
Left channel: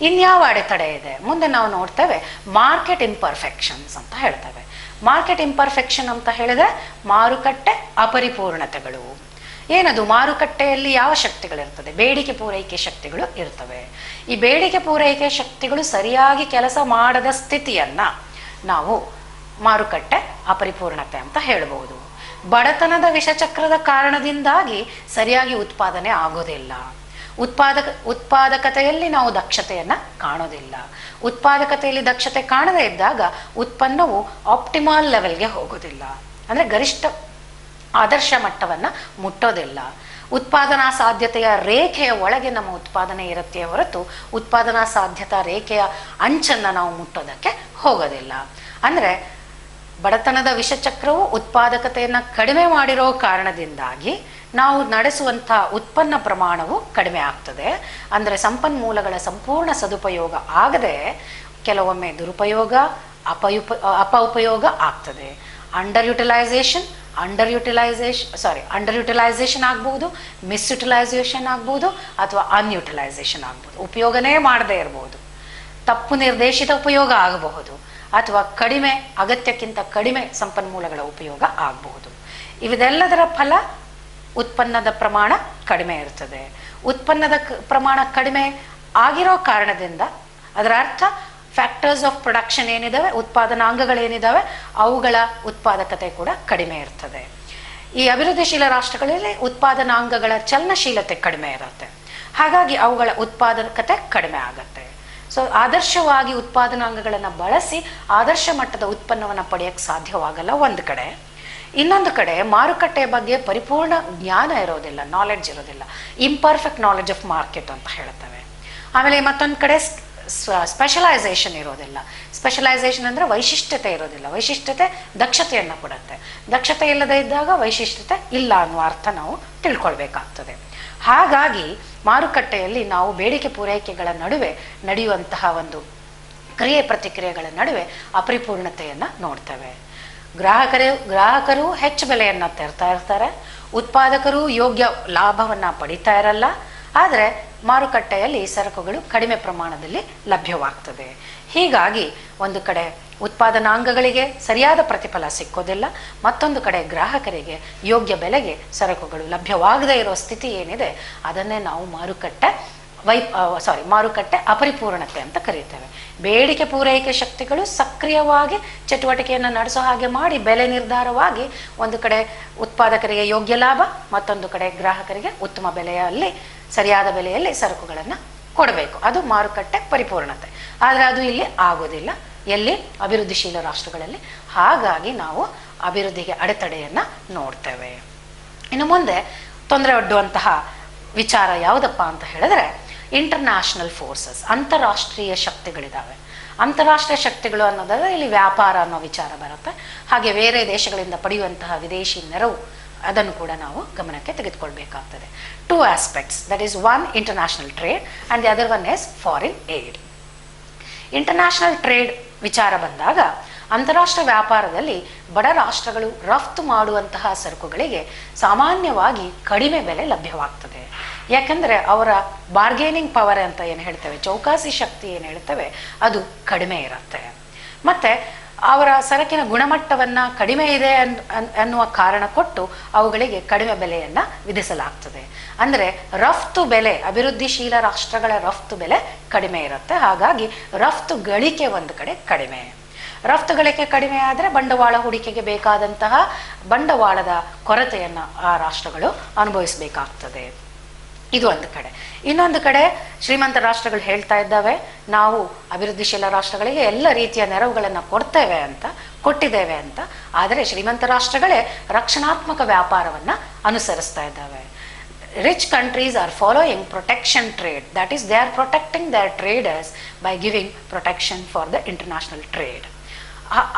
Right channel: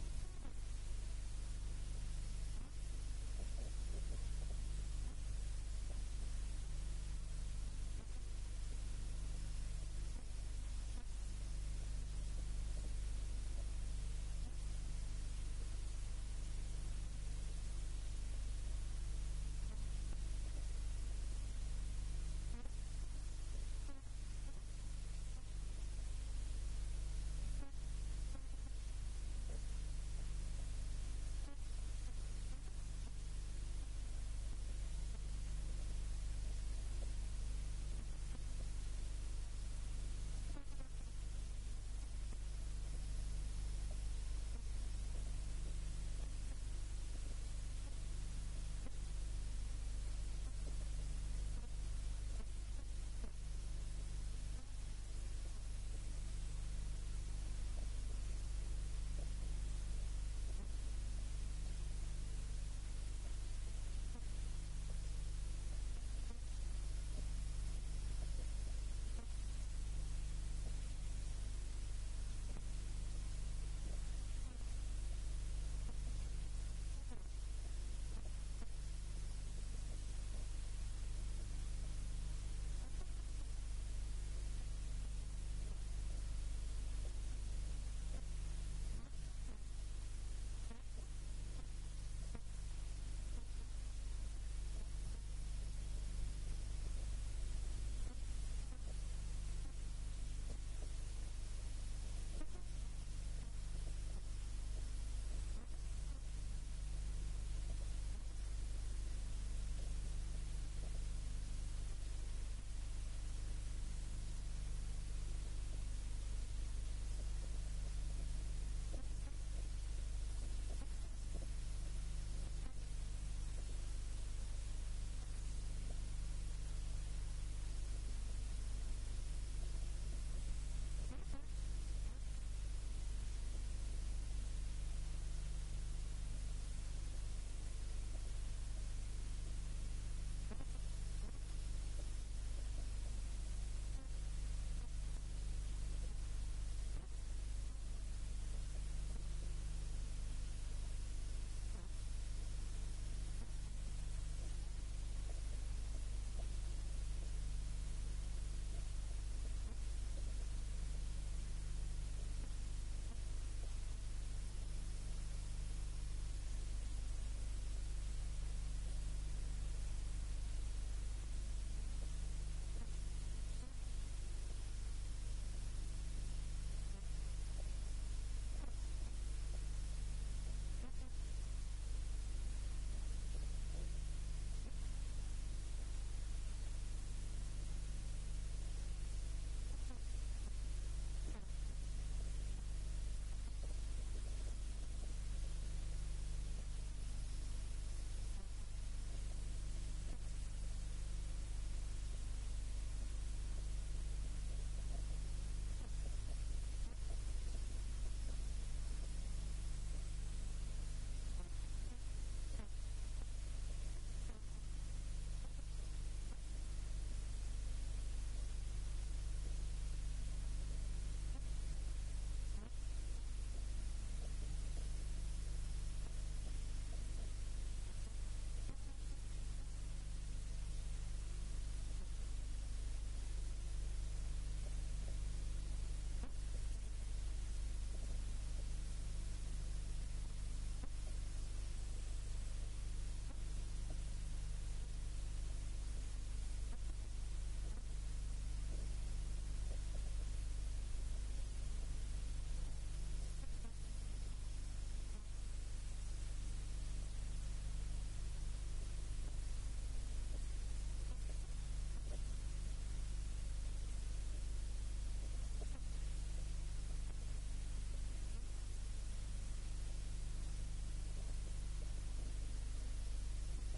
ಇನ್ಯಾವ ಅಡೆತಡೆ ಇದೆ ಮುಂದೆ ನಾವು ನೋಡ್ತೇವೆ. ಮಾರ್ಕೆಟ್ ಇಂಪರ್ಫೆಕ್ಷನ್ಸ್ ಅಂತ ಹೇಳ್ತೇವೆ. ಮಾರ್ಕೆಟ್ ಇಂಪರ್ಫೆಕ್ಷನ್ ಅಂತ ಹೇಳಿದ್ರೆ ಮಾರುಕಟ್ಟೆ ಅಪರಿಪೂರ್ಣತೆಗಳು. ಏನದು? ಮಾರುಕಟ್ಟೆಯಲ್ಲಿ ಯಾವ ಶಕ್ತಿಗಳಿರ್ತದೆ? ಬೇಡಿಕೆ ಪೂರೈಕೆ ಶಕ್ತಿಗಳು ಇರ್ತವೆ. ಈ ಬೇಡಿಕೆ ಪೂರೈಕೆ ಶಕ್ತಿಗಳು ಸರಿಯಾಗಿ ಕೆಲಸ ಮಾಡದ ಸ್ಥಿತಿಯನ್ನ ನಾವು ಮಾರುಕಟ್ಟೆ ಅಪರಿಪೂರ್ಣತೆ ಅಂತ ಹೇಳಬಹುದು. ಬಡತನದ ವಿಷಚಕ್ರದ ಕಾರಣದಿಂದಾಗಿ ಸರಿಯಾಗಿ ಉತ್ಪಾದನೆ ಆಗೋದಿಲ್ಲ. ಉತ್ಪಾದಕತೆಯಲ್ಲಿ ನಾವು ದಕ್ಷತೆಯನ್ನ ಕಾಣೋದಿಲ್ಲ. ಉತ್ಪಾದಕತೆಯಲ್ಲಿ ದಕ್ಷತೆ ಕಾಣದೇ ಇದ್ದಾಗ ಉತ್ಪನ್ನವು ಆಪ್ಟಿಮಲ್ ಲೆವೆಲ್ಗೆ ಹೋಗೋದಿಲ್ಲ. ಅಂದರೆ ಗರಿಷ್ಠ ಆದರ್ಶ ಮಟ್ಟವನ್ನು ಮುಟ್ಟೋದಿಲ್ಲ. ಉತ್ಪಾದನಾ ಸಾಧ್ಯತೆಯ ರೇಖೆಯ ಒಳಗೆ ನಮ್ಮ ಉತ್ಪಾದನೆ ಇರುತ್ತೆ ಹೊರತು ಉತ್ಪಾದನಾ ಸಾಧ್ಯತಾ ರೇಖೆಯ ಅಂಚನ್ನು ನಾವು ಮುಟ್ಟೋದಕ್ಕೆ ಹೋಗೋದಿಲ್ಲ. ಅಂದರೆ ಬಡತನದ ವಿಷಚಕ್ರವು ಉತ್ಪಾದಕತೆಯನ್ನು ಕಡಿಮೆ ಮಾಡಿರೋ ಕಾರಣದಿಂದಾಗಿ ನಾವು ನಡೆಸುವಂಥ ಉತ್ಪನ್ನ ಪ್ರಮಾಣವು ಕಡಿಮೆ ಆಗ್ತದೆ. ಅಂದರೆ ಸಂಪನ್ಮೂಲಗಳ ಸಂಪೂರ್ಣ ಸದುಪಯೋಗ ಆಗದೆ ಕೆಲವೊಮ್ಮೆ ದುರುಪಯೋಗ, ಅಪಉಪಯೋಗ ಆಗ್ತದೆ. ಅಂಡರ್ ಯುಟಿಲೈಸೇಷನ್ ಆಗ್ಬಹುದು, ಮಿಸ್ಯುಟಿಲೈಸೇಷನ್ ಆಗ್ಬಹುದು, ಅಥವಾ ಅನ್ಯುಟಿಲೈಸೇಷನ್ ಆಗ್ಬಹುದು. ಉಪಯೋಗನೇ ಮಾಡದೇ ಇರಬಹುದು. ತಪ್ಪು ನಿರ್ದೇಶಿತ ಉಪಯೋಗ ಆಗಬಹುದು, ಅಥವಾ ಕಡಿಮೆ ಅಗತ್ಯಕ್ಕಿಂತ ಕಡಿಮೆ ಸಂಪನ್ಮೂಲಗಳ ಉಪಯೋಗ ಆಗಬಹುದು. ಇವೆಲ್ಲದರ ಫಲ ಉತ್ಪನ್ನದ ಪ್ರಮಾಣ ಕಡಿಮೆ ಇರ್ತದೆ. ಉತ್ಪನ್ನದ ಪ್ರಮಾಣ ಕಡಿಮೆ ಆಗಿರೋ ಕಾರಣದಿಂದ ಅದರ ಅರ್ಥ ಫ್ಯಾಕ್ಟರ್ಸ್ ಆಫ್ ಪ್ರೊಡಕ್ಷನ್ ಏನಿದಾವೆ, ಉತ್ಪಾದನಾಂಗಗಳೇನಿದಾವೆ, ಅವುಗಳ ಉತ್ಪಾದಕತೆ ಕೂಡ ಕಡಿಮೆ ಇರ್ತದೆ. ಈ ಅಭಿವೃದ್ಧಿಶೀಲ ರಾಷ್ಟ್ರಗಳಲ್ಲಿ ಉತ್ಪಾದನಾಂಗಗಳ ಚಲನಶೀಲತೆ ಕಡಿಮೆ ಇರುತ್ತೆ. ಹಾಗಾಗಿ ಅವುಗಳ ಉತ್ಪಾದಕತೆ ಕಡಿಮೆ ಆಗುತ್ತೆ. ಸೊ ಆದರ್ಶವಾಗಿ ಉತ್ಪಾದನಾಂಗಗಳನ್ನು ಬಳಸಿ ಆದರ್ಶ ಮಟ್ಟದ ಉತ್ಪನ್ನವನ್ನು ಪಡೆಯಕ್ಕೆ ಸಾಧ್ಯವಾಗಲ್ಲ ಒಂದು ಕಡೆ. ಇನ್ನೊಂದು ಕಡೆ ಮಾರುಕಟ್ಟೆಯ ಬಗ್ಗೆ ಪರಿಪೂರ್ಣ ಜ್ಞಾನ ಇರೋದಿಲ್ಲ, ನಾಲೆಡ್ಜ್ ಇರೋದಿಲ್ಲ. ಇಂಪರ್ಫೆಕ್ಟ್ ನಾಲೆಡ್ಜ್ ಆಫ್ ಮಾರ್ಕೆಟ್ ಅಂತ ಹೇಳ್ತೇವೆ. ಆಮೇಲೆ ಮತ್ತೊಂದು ಕಡೆ ಸ್ಪೆಷಲೈಸೇಷನ್ ಇರೋದಿಲ್ಲ. ಸ್ಪೆಷಲೈಸೇಷನ್ ಅಂದರೆ ವೈಶಿಷ್ಟ್ಯತೆ ಇರೋದಿಲ್ಲ. ವೈಶಿಷ್ಟ್ಯತೆ ದಕ್ಷತೆಯನ್ನು ಕೊಡುತ್ತೆ. ದಕ್ಷತೆ ಇಲ್ಲದೆ ಇದ್ದಾಗ ವೈಶಿಷ್ಟ್ಯತೆ ಇಲ್ಲ ಅನ್ನುವ ಅರ್ಥ ನಾವು ತಿಳ್ಕೊಳ್ಬೇಕಾಗ್ತದೆ. ಹಾಗಾಗಿ ಮಾರುಕಟ್ಟೆಯಲ್ಲಿ ನಾವು ಬೇಡಿಕೆ ಪೂರೈಕೆಗಳ ನಡುವೆ ನಡೆಯುವಂತಹ ಒಂದು ಕ್ರಿಯೆ ಪ್ರತಿಕ್ರಿಯೆಗಳ ನಡುವೆ ಅಪರಿಪೂರ್ಣತೆಯನ್ನು ನೋಡ್ತೇವೆ. ಗ್ರಾಹಕರು ಹೆಚ್ಚು ಬೆಲೆಯನ್ನು ತೆರ್ತಾ ಇರ್ತಾರೆ, ಉತ್ಪಾದಕರು ಯೋಗ್ಯ ಲಾಭವನ್ನು ಪಡಿತಾ ಇರಲ್ಲ. ಆದರೆ ಮಾರುಕಟ್ಟೆಯಲ್ಲಿ ಸರಕುಗಳು ಕಡಿಮೆ ಪ್ರಮಾಣದಲ್ಲಿ ಲಭ್ಯವಾಗ್ತದೆ. ಹೀಗಾಗಿ ಒಂದು ಕಡೆ ಉತ್ಪಾದನಾಂಗಗಳಿಗೆ ಸರಿಯಾದ ಪ್ರತಿಫಲ ಸಿಕ್ಕೋದಿಲ್ಲ, ಮತ್ತೊಂದು ಕಡೆ ಗ್ರಾಹಕರಿಗೆ ಯೋಗ್ಯ ಬೆಲೆಗೆ ಸರಕುಗಳು ಲಭ್ಯವಾಗದೇ ಇರೋ ಸ್ಥಿತಿ ಏನಿದೆ ಅದನ್ನೇ ನಾವು ಮಾರುಕಟ್ಟೆ ಅಪರಿಪೂರ್ಣತೆ ಅಂತ ಕರೀತೇವೆ. ಬೇಡಿಕೆ ಪೂರೈಕೆ ಶಕ್ತಿಗಳು ಸಕ್ರಿಯವಾಗಿ ಚಟುವಟಿಕೆಯನ್ನು ನಡೆಸೋ ಹಾಗೆ ಮಾಡಿ ಬೆಲೆ ನಿರ್ಧಾರವಾಗಿ ಒಂದು ಕಡೆ ಉತ್ಪಾದಕರಿಗೆ ಯೋಗ್ಯ ಲಾಭ, ಮತ್ತೊಂದು ಕಡೆ ಗ್ರಾಹಕರಿಗೆ ಉತ್ತಮ ಬೆಲೆಯಲ್ಲಿ ಸರಿಯಾದ ಬೆಲೆಯಲ್ಲಿ ಸರಕುಗಳನ್ನು ಕೊಡಬೇಕು. ಅದು ಮಾರುಕಟ್ಟೆ ಪರಿಪೂರ್ಣತೆ. ಆದರೆ ಅದು ಇಲ್ಲಿ ಆಗೋದಿಲ್ಲ, ಎಲ್ಲಿ? ಅಭಿವೃದ್ಧಿಶೀಲ ರಾಷ್ಟ್ರಗಳಲ್ಲಿ. ಹಾಗಾಗಿ ನಾವು ಅಭಿವೃದ್ಧಿಗೆ ಅಡೆತಡೆಯನ್ನು ನೋಡ್ತೇವೆ. ಇನ್ನು ಮುಂದೆ ತೊಂದರೆ ಒಡ್ಡುವಂತಹ ವಿಚಾರ ಯಾವುದಪ್ಪ ಅಂತ ಹೇಳಿದ್ರೆ ಇಂಟರ್ನ್ಯಾಷನಲ್ ಫೋರ್ಸಸ್, ಅಂತಾರಾಷ್ಟ್ರೀಯ ಶಕ್ತಿಗಳಿದ್ದಾವೆ. ಅಂತಾರಾಷ್ಟ್ರೀಯ ಶಕ್ತಿಗಳು ಅನ್ನೋದಾದ್ರೆ ಇಲ್ಲಿ ವ್ಯಾಪಾರ ಅನ್ನೋ ವಿಚಾರ ಬರುತ್ತೆ. ಹಾಗೆ ಬೇರೆ ದೇಶಗಳಿಂದ ಪಡೆಯುವಂತಹ ವಿದೇಶಿ ನೆರವು, ಅದನ್ನು ಕೂಡ ನಾವು ಗಮನಕ್ಕೆ ತೆಗೆದುಕೊಳ್ಬೇಕಾಗ್ತದೆ. 2 aspects, that is one international trade and the other one is foreign aid. International trade ವಿಚಾರ ಬಂದಾಗ ಅಂತಾರಾಷ್ಟ್ರೀಯ ವ್ಯಾಪಾರದಲ್ಲಿ ಬಡ ರಾಷ್ಟ್ರಗಳು ರಫ್ತು ಮಾಡುವಂತಹ ಸರಕುಗಳಿಗೆ ಸಾಮಾನ್ಯವಾಗಿ ಕಡಿಮೆ ಬೆಲೆ ಲಭ್ಯವಾಗ್ತದೆ. ಯಾಕಂದರೆ ಅವರ ಬಾರ್ಗೇನಿಂಗ್ ಪವರ್ ಅಂತ ಏನು ಹೇಳ್ತೇವೆ, ಚೌಕಾಸಿ ಶಕ್ತಿ ಏನು ಹೇಳ್ತೇವೆ, ಅದು ಕಡಿಮೆ ಇರುತ್ತೆ. ಮತ್ತು ಅವರ ಸರಕಿನ ಗುಣಮಟ್ಟವನ್ನು ಕಡಿಮೆ ಇದೆ ಅನ್ನುವ ಕಾರಣ ಕೊಟ್ಟು ಅವುಗಳಿಗೆ ಕಡಿಮೆ ಬೆಲೆಯನ್ನು ವಿಧಿಸಲಾಗ್ತದೆ. ಅಂದರೆ ರಫ್ತು ಬೆಲೆ, ಅಭಿವೃದ್ಧಿಶೀಲ ರಾಷ್ಟ್ರಗಳ ರಫ್ತು ಬೆಲೆ ಕಡಿಮೆ ಇರುತ್ತೆ. ಹಾಗಾಗಿ ರಫ್ತು ಗಳಿಕೆ ಒಂದು ಕಡೆ ಕಡಿಮೆ. ರಫ್ತು ಗಳಿಕೆ ಕಡಿಮೆ ಆದರೆ ಬಂಡವಾಳ ಹೂಡಿಕೆಗೆ ಬೇಕಾದಂತಹ ಬಂಡವಾಳದ ಕೊರತೆಯನ್ನು ಆ ರಾಷ್ಟ್ರಗಳು ಅನುಭವಿಸಬೇಕಾಗ್ತದೆ. ಇದು ಒಂದು ಕಡೆ. ಇನ್ನೊಂದು ಕಡೆ ಶ್ರೀಮಂತ ರಾಷ್ಟ್ರಗಳು ಹೇಳ್ತಾ ಇದ್ದಾವೆ, ನಾವು ಅಭಿವೃದ್ಧಿಶೀಲ ರಾಷ್ಟ್ರಗಳಿಗೆ ಎಲ್ಲ ರೀತಿಯ ನೆರವುಗಳನ್ನು ಕೊಟ್ಟಿದ್ದೇವೆ ಅಂತ. ಆದರೆ ಶ್ರೀಮಂತ ರಾಷ್ಟ್ರಗಳೇ ರಕ್ಷಣಾತ್ಮಕ ವ್ಯಾಪಾರವನ್ನು ಅನುಸರಿಸ್ತಾ ಇದ್ದಾವೆ. Rich countries are following protection trade, that is they are protecting their traders by giving protection for the international trade.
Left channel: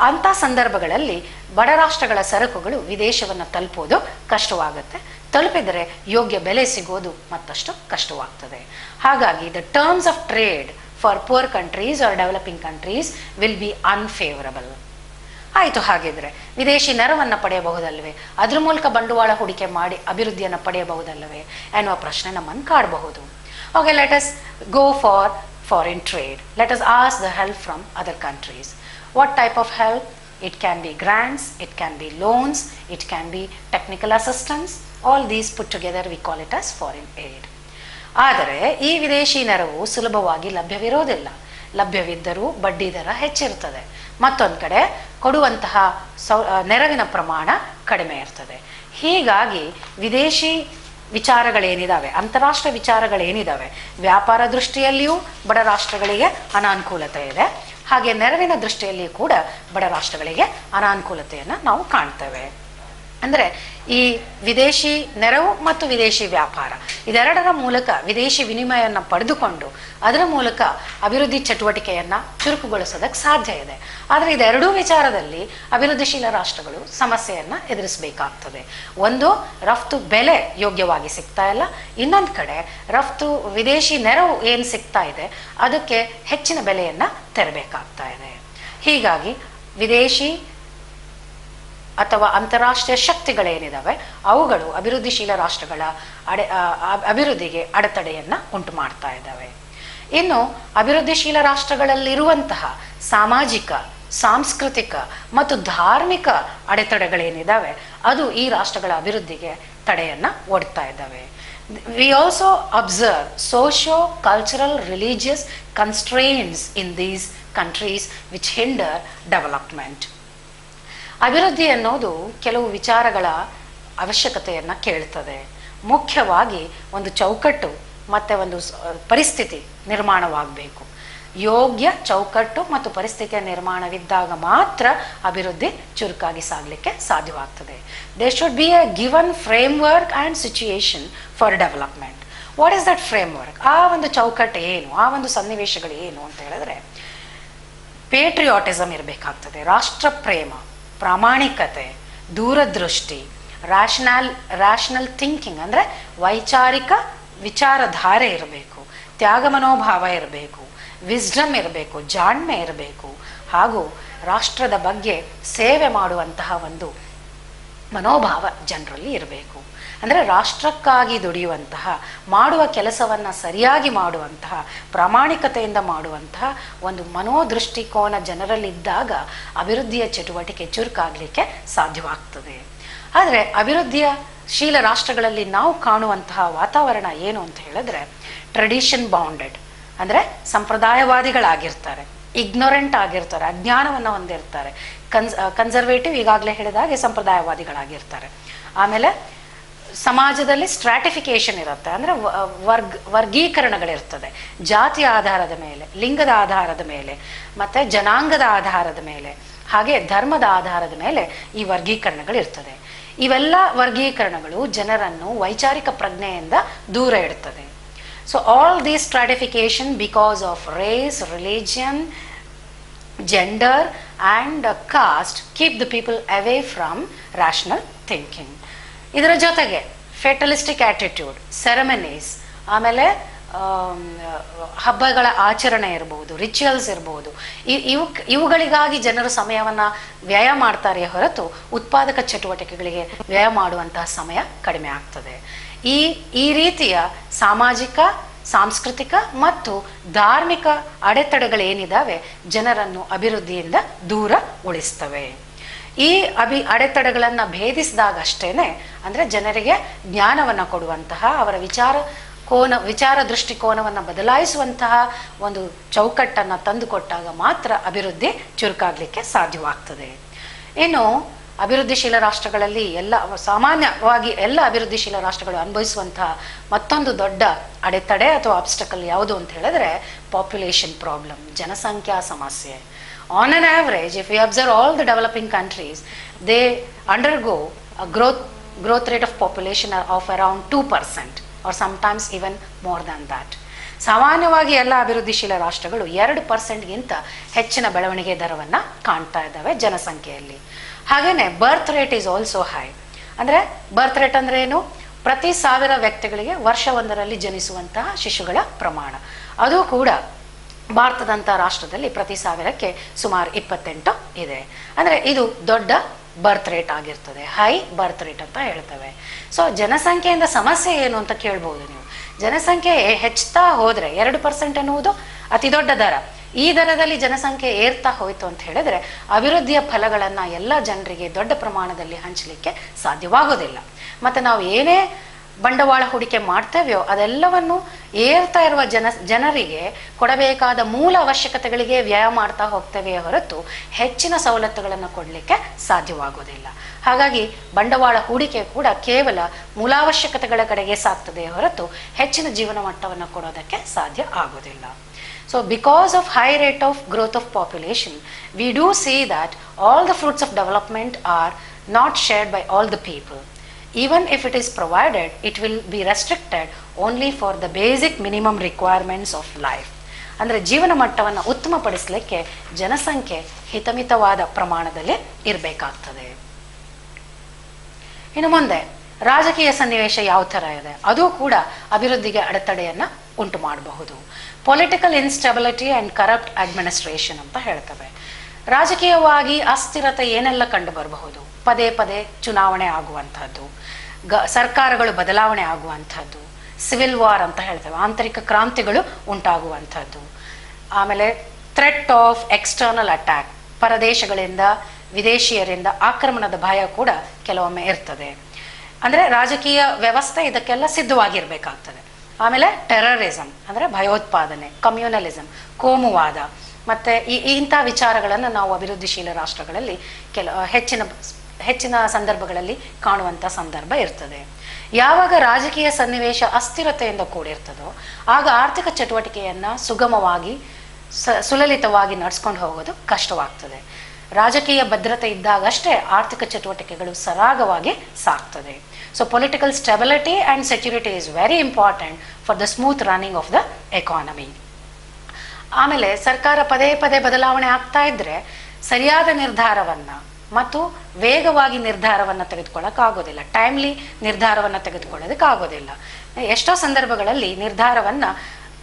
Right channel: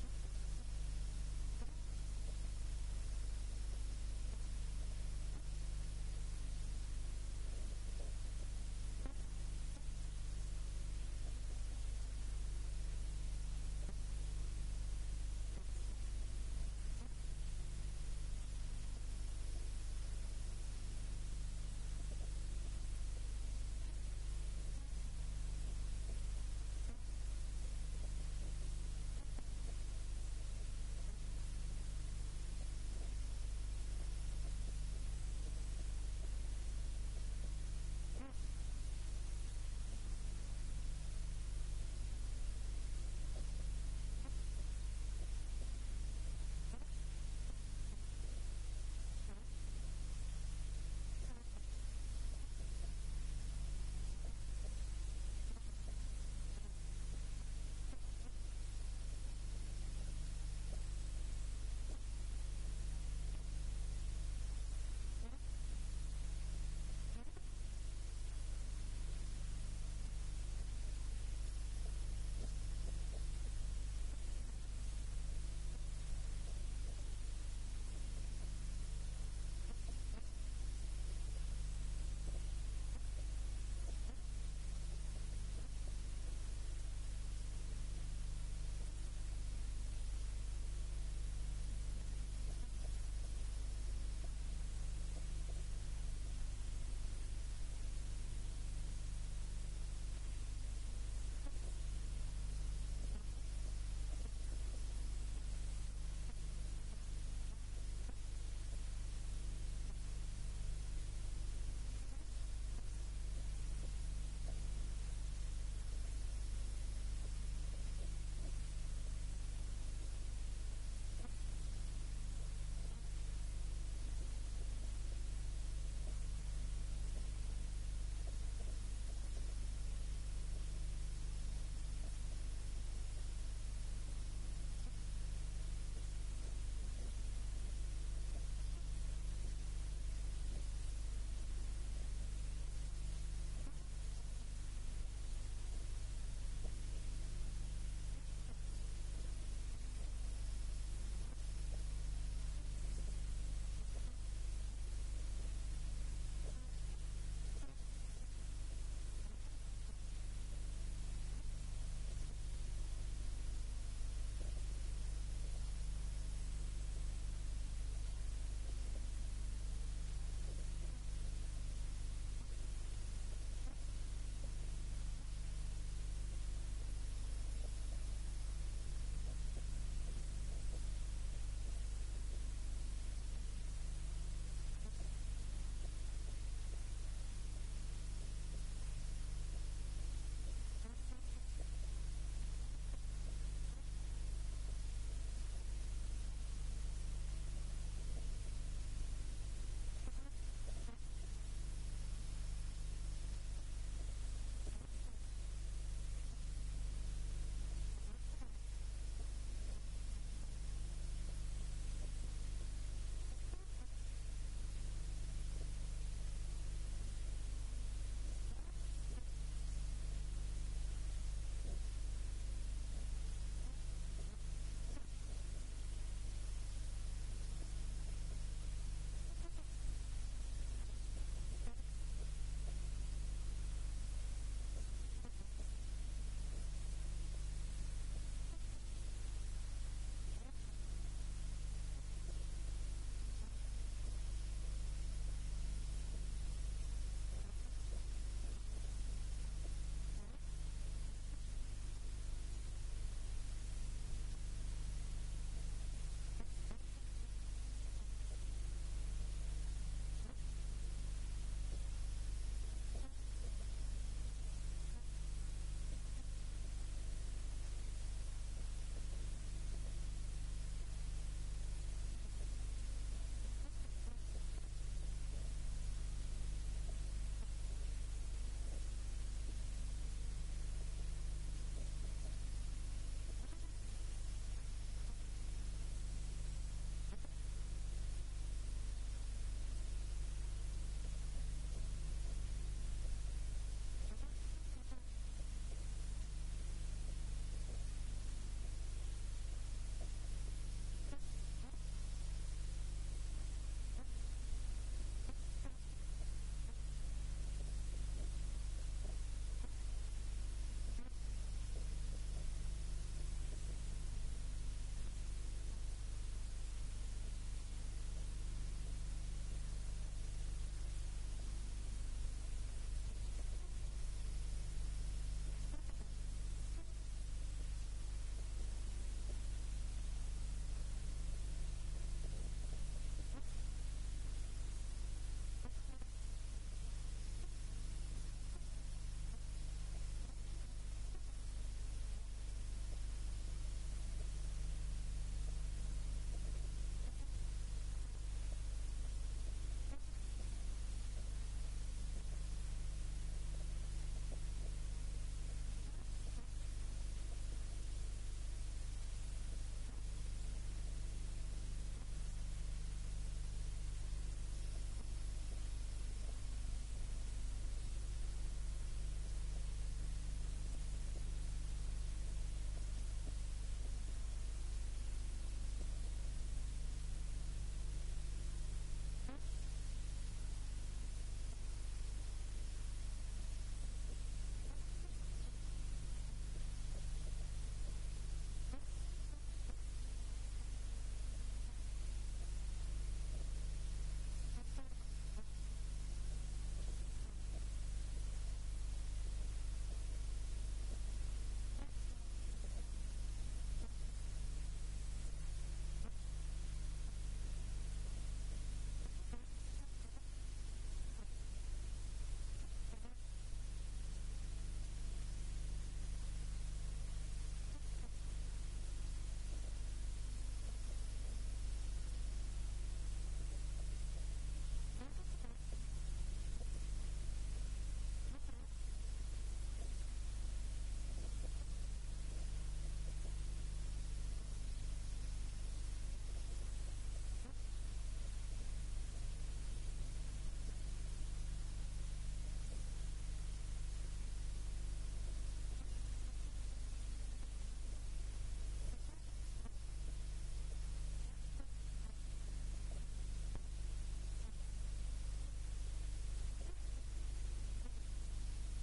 ಅಂಥ ಸಂದರ್ಭಗಳಲ್ಲಿ ಬಡ ರಾಷ್ಟ್ರಗಳ ಸರಕುಗಳು ವಿದೇಶವನ್ನು ತಲುಪೋದು ಕಷ್ಟವಾಗುತ್ತೆ. ತಲುಪಿದರೆ ಯೋಗ್ಯ ಬೆಲೆ ಸಿಗೋದು ಮತ್ತಷ್ಟು ಕಷ್ಟವಾಗ್ತದೆ. ಹಾಗಾಗಿ the terms of trade for poor countries are developing countries will be unfavourable. ಆಯಿತು, ಹಾಗಿದ್ರೆ ವಿದೇಶಿ ನೆರವನ್ನು ಪಡೆಯಬಹುದಲ್ವೇ, ಅದ್ರ ಮೂಲಕ ಬಂಡವಾಳ ಹೂಡಿಕೆ ಮಾಡಿ ಅಭಿವೃದ್ಧಿಯನ್ನು ಪಡೆಯಬಹುದಲ್ಲವೇ ಎನ್ನುವ ಪ್ರಶ್ನೆ ನಮ್ಮನ್ನು ಕಾಡಬಹುದು. Okay, let us go for foreign trade. Let us ask the help from other countries. What type of help? It can be grants, it can be loans, it can be technical assistance. All these put together we call it as foreign aid. ಆದರೆ ಈ ವಿದೇಶಿ ನೆರವು ಸುಲಭವಾಗಿ ಲಭ್ಯವಿರೋದಿಲ್ಲ. ಲಭ್ಯವಿದ್ದರೂ ಬಡ್ಡಿ ದರ ಹೆಚ್ಚಿರ್ತದೆ. ಮತ್ತೊಂದು ಕಡೆ ಕೊಡುವಂತಹ ನೆರವಿನ ಪ್ರಮಾಣ ಕಡಿಮೆ ಇರ್ತದೆ. ಹೀಗಾಗಿ ವಿದೇಶಿ ವಿಚಾರಗಳೇನಿದ್ದಾವೆ, ಅಂತಾರಾಷ್ಟ್ರೀಯ ವಿಚಾರಗಳೇನಿದ್ದಾವೆ, ವ್ಯಾಪಾರ ದೃಷ್ಟಿಯಲ್ಲಿಯೂ ಬಡ ರಾಷ್ಟ್ರಗಳಿಗೆ ಅನಾನುಕೂಲತೆ ಇದೆ. ಹಾಗೆ ನೆರವಿನ ದೃಷ್ಟಿಯಲ್ಲಿ ಕೂಡ ಬಡ ರಾಷ್ಟ್ರಗಳಿಗೆ ಅನಾನುಕೂಲತೆಯನ್ನು ನಾವು ಕಾಣ್ತೇವೆ. ಅಂದರೆ ಈ ವಿದೇಶಿ ನೆರವು ಮತ್ತು ವಿದೇಶಿ ವ್ಯಾಪಾರ ಇದೆರಡರ ಮೂಲಕ ವಿದೇಶಿ ವಿನಿಮಯವನ್ನು ಪಡೆದುಕೊಂಡು ಅದರ ಮೂಲಕ ಅಭಿವೃದ್ಧಿ ಚಟುವಟಿಕೆಯನ್ನು ಚುರುಕುಗೊಳಿಸೋದಕ್ಕೆ ಸಾಧ್ಯ ಇದೆ. ಆದರೆ ಇದೆರಡೂ ವಿಚಾರದಲ್ಲಿ ಅಭಿವೃದ್ಧಿಶೀಲ ರಾಷ್ಟ್ರಗಳು ಸಮಸ್ಯೆಯನ್ನು ಎದುರಿಸಬೇಕಾಗ್ತದೆ. ಒಂದು, ರಫ್ತು ಬೆಲೆ ಯೋಗ್ಯವಾಗಿ ಸಿಗ್ತಾ ಇಲ್ಲ. ಇನ್ನೊಂದು ಕಡೆ ರಫ್ತು ವಿದೇಶಿ ನೆರವು ಏನು ಸಿಗ್ತಾ ಇದೆ ಅದಕ್ಕೆ ಹೆಚ್ಚಿನ ಬೆಲೆಯನ್ನು ತೆರಬೇಕಾಗ್ತಾ ಇದೆ. ಹೀಗಾಗಿ ವಿದೇಶಿ ಅಥವಾ ಅಂತಾರಾಷ್ಟ್ರೀಯ ಶಕ್ತಿಗಳೇನಿದ್ದಾವೆ ಅವುಗಳು ಅಭಿವೃದ್ಧಿಶೀಲ ರಾಷ್ಟ್ರಗಳ ಅಭಿವೃದ್ಧಿಗೆ ಅಡೆತಡೆಯನ್ನು ಉಂಟು ಮಾಡ್ತಾ ಇದ್ದಾವೆ. ಇನ್ನು ಅಭಿವೃದ್ಧಿಶೀಲ ರಾಷ್ಟ್ರಗಳಲ್ಲಿರುವಂತಹ ಸಾಮಾಜಿಕ, ಸಾಂಸ್ಕೃತಿಕ ಮತ್ತು ಧಾರ್ಮಿಕ ಅಡೆತಡೆಗಳೇನಿದ್ದಾವೆ ಅದು ಈ ರಾಷ್ಟ್ರಗಳ ಅಭಿವೃದ್ಧಿಗೆ ತಡೆಯನ್ನು ಒಡ್ತಾ ಇದ್ದಾವೆ. We also observe socio-cultural religious constraints in these countries which hinder development. ಅಭಿವೃದ್ಧಿ ಅನ್ನೋದು ಕೆಲವು ವಿಚಾರಗಳ ಅವಶ್ಯಕತೆಯನ್ನು ಕೇಳ್ತದೆ. ಮುಖ್ಯವಾಗಿ ಒಂದು ಚೌಕಟ್ಟು ಮತ್ತು ಒಂದು ಪರಿಸ್ಥಿತಿ ನಿರ್ಮಾಣವಾಗಬೇಕು. ಯೋಗ್ಯ ಚೌಕಟ್ಟು ಮತ್ತು ಪರಿಸ್ಥಿತಿಯ ನಿರ್ಮಾಣವಿದ್ದಾಗ ಮಾತ್ರ ಅಭಿವೃದ್ಧಿ ಚುರುಕಾಗಿ ಸಾಗಲಿಕ್ಕೆ ಸಾಧ್ಯವಾಗ್ತದೆ. There should be a given framework and situation for development. What is that frame work? ಆ ಒಂದು ಚೌಕಟ್ಟು ಏನು, ಆ ಒಂದು ಸನ್ನಿವೇಶಗಳು ಏನು ಅಂತ ಹೇಳಿದ್ರೆ, ಪೇಟ್ರಿಯಾಟಿಸಮ್ ಇರಬೇಕಾಗ್ತದೆ, ರಾಷ್ಟ್ರ ಪ್ರೇಮ, ಪ್ರಾಮಾಣಿಕತೆ, ದೂರದೃಷ್ಟಿ, ರ್ಯಾಷನಲ್ ಥಿಂಕಿಂಗ್ ಅಂದರೆ ವೈಚಾರಿಕ ವಿಚಾರಧಾರೆ ಇರಬೇಕು, ತ್ಯಾಗ ಮನೋಭಾವ ಇರಬೇಕು, ವಿಸ್ಡಮ್ ಇರಬೇಕು, ಜಾಣ್ಮೆ ಇರಬೇಕು, ಹಾಗೂ ರಾಷ್ಟ್ರದ ಬಗ್ಗೆ ಸೇವೆ ಮಾಡುವಂತಹ ಒಂದು ಮನೋಭಾವ ಜನರಲ್ಲಿ ಇರಬೇಕು. ಅಂದರೆ ರಾಷ್ಟ್ರಕ್ಕಾಗಿ ದುಡಿಯುವಂತಹ, ಮಾಡುವ ಕೆಲಸವನ್ನು ಸರಿಯಾಗಿ ಮಾಡುವಂತಹ, ಪ್ರಾಮಾಣಿಕತೆಯಿಂದ ಮಾಡುವಂತಹ ಒಂದು ಮನೋದೃಷ್ಟಿಕೋನ ಜನರಲ್ಲಿದ್ದಾಗ ಅಭಿವೃದ್ಧಿಯ ಚಟುವಟಿಕೆ ಚುರುಕಾಗಲಿಕ್ಕೆ ಸಾಧ್ಯವಾಗ್ತದೆ. ಆದರೆ ಅಭಿವೃದ್ಧಿಯ ಶೀಲ ರಾಷ್ಟ್ರಗಳಲ್ಲಿ ನಾವು ಕಾಣುವಂತಹ ವಾತಾವರಣ ಏನು ಅಂತ ಹೇಳಿದ್ರೆ, ಟ್ರೆಡಿಷನ್ ಬೌಂಡೆಡ್, ಅಂದರೆ ಸಂಪ್ರದಾಯವಾದಿಗಳಾಗಿರ್ತಾರೆ, ಇಗ್ನೊರೆಂಟ್ ಆಗಿರ್ತಾರೆ, ಅಜ್ಞಾನವನ್ನು ಹೊಂದಿರ್ತಾರೆ, ಕನ್ಸರ್ವೇಟಿವ್ ಈಗಾಗಲೇ ಹೇಳಿದ ಹಾಗೆ ಸಂಪ್ರದಾಯವಾದಿಗಳಾಗಿರ್ತಾರೆ. ಆಮೇಲೆ ಸಮಾಜದಲ್ಲಿ ಸ್ಟ್ರಾಟಿಫಿಕೇಶನ್ ಇರುತ್ತೆ, ಅಂದರೆ ವರ್ಗೀಕರಣಗಳಿರ್ತದೆ, ಜಾತಿಯ ಆಧಾರದ ಮೇಲೆ, ಲಿಂಗದ ಆಧಾರದ ಮೇಲೆ, ಮತ್ತು ಜನಾಂಗದ ಆಧಾರದ ಮೇಲೆ, ಹಾಗೆ ಧರ್ಮದ ಆಧಾರದ ಮೇಲೆ ಈ ವರ್ಗೀಕರಣಗಳಿರ್ತದೆ. ಇವೆಲ್ಲ ವರ್ಗೀಕರಣಗಳು ಜನರನ್ನು ವೈಚಾರಿಕ ಪ್ರಜ್ಞೆಯಿಂದ ದೂರ ಇಡ್ತದೆ. So all these stratification because of race, religion, gender and caste keep the people away from rational thinking. ಇದರ ಜೊತೆಗೆ ಫೆಟಲಿಸ್ಟಿಕ್ ಆ್ಯಟಿಟ್ಯೂಡ್, ಸೆರೆಮನೀಸ್, ಆಮೇಲೆ ಹಬ್ಬಗಳ ಆಚರಣೆ ಇರ್ಬೋದು, ರಿಚುವಲ್ಸ್ ಇರ್ಬೋದು, ಇವುಗಳಿಗಾಗಿ ಜನರು ಸಮಯವನ್ನು ವ್ಯಯ ಮಾಡ್ತಾರೆ ಹೊರತು ಉತ್ಪಾದಕ ಚಟುವಟಿಕೆಗಳಿಗೆ ವ್ಯಯ ಮಾಡುವಂತಹ ಸಮಯ ಕಡಿಮೆ ಆಗ್ತದೆ. ಈ ರೀತಿಯ ಸಾಮಾಜಿಕ, ಸಾಂಸ್ಕೃತಿಕ ಮತ್ತು ಧಾರ್ಮಿಕ ಅಡೆತಡೆಗಳೇನಿದ್ದಾವೆ ಜನರನ್ನು ಅಭಿವೃದ್ಧಿಯಿಂದ ದೂರ ಉಳಿಸ್ತವೆ. ಈ ಅಡೆತಡೆಗಳನ್ನು ಭೇದಿಸಿದಾಗಷ್ಟೇನೆ, ಅಂದರೆ ಜನರಿಗೆ ಜ್ಞಾನವನ್ನು ಕೊಡುವಂತಹ, ಅವರ ವಿಚಾರ ದೃಷ್ಟಿಕೋನವನ್ನು ಬದಲಾಯಿಸುವಂತಹ ಒಂದು ಚೌಕಟ್ಟನ್ನು ತಂದುಕೊಟ್ಟಾಗ ಮಾತ್ರ ಅಭಿವೃದ್ಧಿ ಚುರುಕಾಗಲಿಕ್ಕೆ ಸಾಧ್ಯವಾಗ್ತದೆ. ಇನ್ನು ಅಭಿವೃದ್ಧಿಶೀಲ ರಾಷ್ಟ್ರಗಳಲ್ಲಿ ಸಾಮಾನ್ಯವಾಗಿ ಎಲ್ಲ ಅಭಿವೃದ್ಧಿಶೀಲ ರಾಷ್ಟ್ರಗಳು ಅನುಭವಿಸುವಂತಹ ಮತ್ತೊಂದು ದೊಡ್ಡ ಅಡೆತಡೆ ಅಥವಾ ಆಬ್ಸ್ಟಕಲ್ ಯಾವುದು ಅಂತ ಹೇಳಿದ್ರೆ ಪಾಪ್ಯುಲೇಷನ್ ಪ್ರಾಬ್ಲಮ್, ಜನಸಂಖ್ಯಾ ಸಮಸ್ಯೆ. On an average, if we observe all the developing countries, they undergo a growth rate of population of around 2% or sometimes even more than that. ಸಾಮಾನ್ಯವಾಗಿ ಎಲ್ಲ ಅಭಿವೃದ್ಧಿಶೀಲ ರಾಷ್ಟ್ರಗಳು 2%ಗಿಂತ ಹೆಚ್ಚಿನ ಬೆಳವಣಿಗೆ ದರವನ್ನು ಕಾಣ್ತಾ ಇದ್ದಾವೆ ಜನಸಂಖ್ಯೆಯಲ್ಲಿ. ಹಾಗೆಯೇ birth rate is also high. ಅಂದರೆ ಬರ್ತ್ ರೇಟ್ ಅಂದರೆ ಏನು? ಪ್ರತಿ 1000 ವ್ಯಕ್ತಿಗಳಿಗೆ ವರ್ಷವೊಂದರಲ್ಲಿ ಜನಿಸುವಂತಹ ಶಿಶುಗಳ ಪ್ರಮಾಣ. ಅದು ಕೂಡ ಭಾರತದಂಥ ರಾಷ್ಟ್ರದಲ್ಲಿ ಪ್ರತಿ 1000ಕ್ಕೆ ಸುಮಾರು 28 ಇದೆ. ಅಂದರೆ ಇದು ದೊಡ್ಡ ಬರ್ತ್ ರೇಟ್ ಆಗಿರ್ತದೆ, ಹೈ ಬರ್ತ್ ರೇಟ್ ಅಂತ ಹೇಳ್ತೇವೆ. ಸೊ ಜನಸಂಖ್ಯೆಯಿಂದ ಸಮಸ್ಯೆ ಏನು ಅಂತ ಕೇಳ್ಬೋದು ನೀವು. ಜನಸಂಖ್ಯೆ ಹೆಚ್ಚುತ್ತಾ ಹೋದರೆ 2% ಎನ್ನುವುದು ಅತಿ ದೊಡ್ಡ ದರ. ಈ ದರದಲ್ಲಿ ಜನಸಂಖ್ಯೆ ಏರ್ತಾ ಹೋಯಿತು ಅಂತ ಹೇಳಿದ್ರೆ ಅಭಿವೃದ್ಧಿಯ ಫಲಗಳನ್ನು ಎಲ್ಲ ಜನರಿಗೆ ದೊಡ್ಡ ಪ್ರಮಾಣದಲ್ಲಿ ಹಂಚಲಿಕ್ಕೆ ಸಾಧ್ಯವಾಗೋದಿಲ್ಲ. ಮತ್ತು ನಾವು ಏನೇ ಬಂಡವಾಳ ಹೂಡಿಕೆ ಮಾಡ್ತೇವೆಯೋ ಅದೆಲ್ಲವನ್ನು ಏರ್ತಾ ಇರುವ ಜನರಿಗೆ ಕೊಡಬೇಕಾದ ಮೂಲ ಅವಶ್ಯಕತೆಗಳಿಗೆ ವ್ಯಯ ಮಾಡ್ತಾ ಹೋಗ್ತೇವೆಯೇ ಹೊರತು ಹೆಚ್ಚಿನ ಸವಲತ್ತುಗಳನ್ನು ಕೊಡಲಿಕ್ಕೆ ಸಾಧ್ಯವಾಗೋದಿಲ್ಲ. ಹಾಗಾಗಿ ಬಂಡವಾಳ ಹೂಡಿಕೆ ಕೂಡ ಕೇವಲ ಮೂಲಾವಶ್ಯಕತೆಗಳ ಕಡೆಗೆ ಸಾಗ್ತದೆ ಹೊರತು ಹೆಚ್ಚಿನ ಜೀವನ ಮಟ್ಟವನ್ನು ಕೊಡೋದಕ್ಕೆ ಸಾಧ್ಯ ಆಗೋದಿಲ್ಲ. So because of high rate of growth of population, we do see that all the fruits of development are not shared by all the people. Even if it is provided, it will be restricted only for the basic minimum requirements of life. ಅಂದರೆ ಜೀವನ ಮಟ್ಟವನ್ನು ಉತ್ತಮಪಡಿಸಲಿಕ್ಕೆ ಜನಸಂಖ್ಯೆ ಹಿತಮಿತವಾದ ಪ್ರಮಾಣದಲ್ಲಿ ಇರಬೇಕಾಗ್ತದೆ. ಇನ್ನು ಮುಂದೆ ರಾಜಕೀಯ ಸನ್ನಿವೇಶ ಯಾವ ಥರ ಇದೆ, ಅದು ಕೂಡ ಅಭಿವೃದ್ಧಿಗೆ ಅಡೆತಡೆಯನ್ನು ಉಂಟು ಮಾಡಬಹುದು. Political instability and corrupt administration ಅಂತ ಹೇಳ್ತವೆ. ರಾಜಕೀಯವಾಗಿ ಅಸ್ಥಿರತೆ ಏನೆಲ್ಲ ಕಂಡು ಬರಬಹುದು? ಪದೇ ಪದೇ ಚುನಾವಣೆ ಆಗುವಂಥದ್ದು, ಸರ್ಕಾರಗಳು ಬದಲಾವಣೆ ಆಗುವಂಥದ್ದು, ಸಿವಿಲ್ ವಾರ್ ಅಂತ ಹೇಳ್ತೇವೆ, ಆಂತರಿಕ ಕ್ರಾಂತಿಗಳು ಉಂಟಾಗುವಂಥದ್ದು. ಆಮೇಲೆ ಥ್ರೆಟ್ ಆಫ್ ಎಕ್ಸ್ಟರ್ನಲ್ ಅಟ್ಯಾಕ್, ಪರದೇಶಗಳಿಂದ, ವಿದೇಶಿಯರಿಂದ ಆಕ್ರಮಣದ ಭಯ ಕೂಡ ಕೆಲವೊಮ್ಮೆ ಇರ್ತದೆ. ಅಂದರೆ ರಾಜಕೀಯ ವ್ಯವಸ್ಥೆ ಇದಕ್ಕೆಲ್ಲ ಸಿದ್ಧವಾಗಿರಬೇಕಾಗ್ತದೆ. ಆಮೇಲೆ ಟೆರರಿಸಮ್ ಅಂದರೆ ಭಯೋತ್ಪಾದನೆ, ಕಮ್ಯುನಲಿಸಮ್, ಕೋಮುವಾದ, ಮತ್ತು ಇಂಥ ವಿಚಾರಗಳನ್ನು ನಾವು ಅಭಿವೃದ್ಧಿಶೀಲ ರಾಷ್ಟ್ರಗಳಲ್ಲಿ ಹೆಚ್ಚಿನ ಸಂದರ್ಭಗಳಲ್ಲಿ ಕಾಣುವಂಥ ಸಂದರ್ಭ ಇರ್ತದೆ. ಯಾವಾಗ ರಾಜಕೀಯ ಸನ್ನಿವೇಶ ಅಸ್ಥಿರತೆಯಿಂದ ಕೂಡಿರ್ತದೋ ಆಗ ಆರ್ಥಿಕ ಚಟುವಟಿಕೆಯನ್ನು ಸುಗಮವಾಗಿ ಸುಲಲಿತವಾಗಿ ನಡೆಸ್ಕೊಂಡು ಹೋಗೋದು ಕಷ್ಟವಾಗ್ತದೆ. ರಾಜಕೀಯ ಭದ್ರತೆ ಇದ್ದಾಗಷ್ಟೇ ಆರ್ಥಿಕ ಚಟುವಟಿಕೆಗಳು ಸರಾಗವಾಗಿ ಸಾಗ್ತದೆ. So political stability and security is very important for the smooth running of the economy. ಆಮೇಲೆ ಸರ್ಕಾರ ಪದೇ ಪದೇ ಬದಲಾವಣೆ ಆಗ್ತಾ ಇದ್ದರೆ ಸರಿಯಾದ ನಿರ್ಧಾರವನ್ನು ಮತ್ತು ವೇಗವಾಗಿ ನಿರ್ಧಾರವನ್ನು ತೆಗೆದುಕೊಳ್ಳೋಕ್ಕಾಗೋದಿಲ್ಲ, ಟೈಮ್ಲಿ ನಿರ್ಧಾರವನ್ನು ತೆಗೆದುಕೊಳ್ಳೋದಕ್ಕಾಗೋದಿಲ್ಲ. ಎಷ್ಟೋ ಸಂದರ್ಭಗಳಲ್ಲಿ ನಿರ್ಧಾರವನ್ನು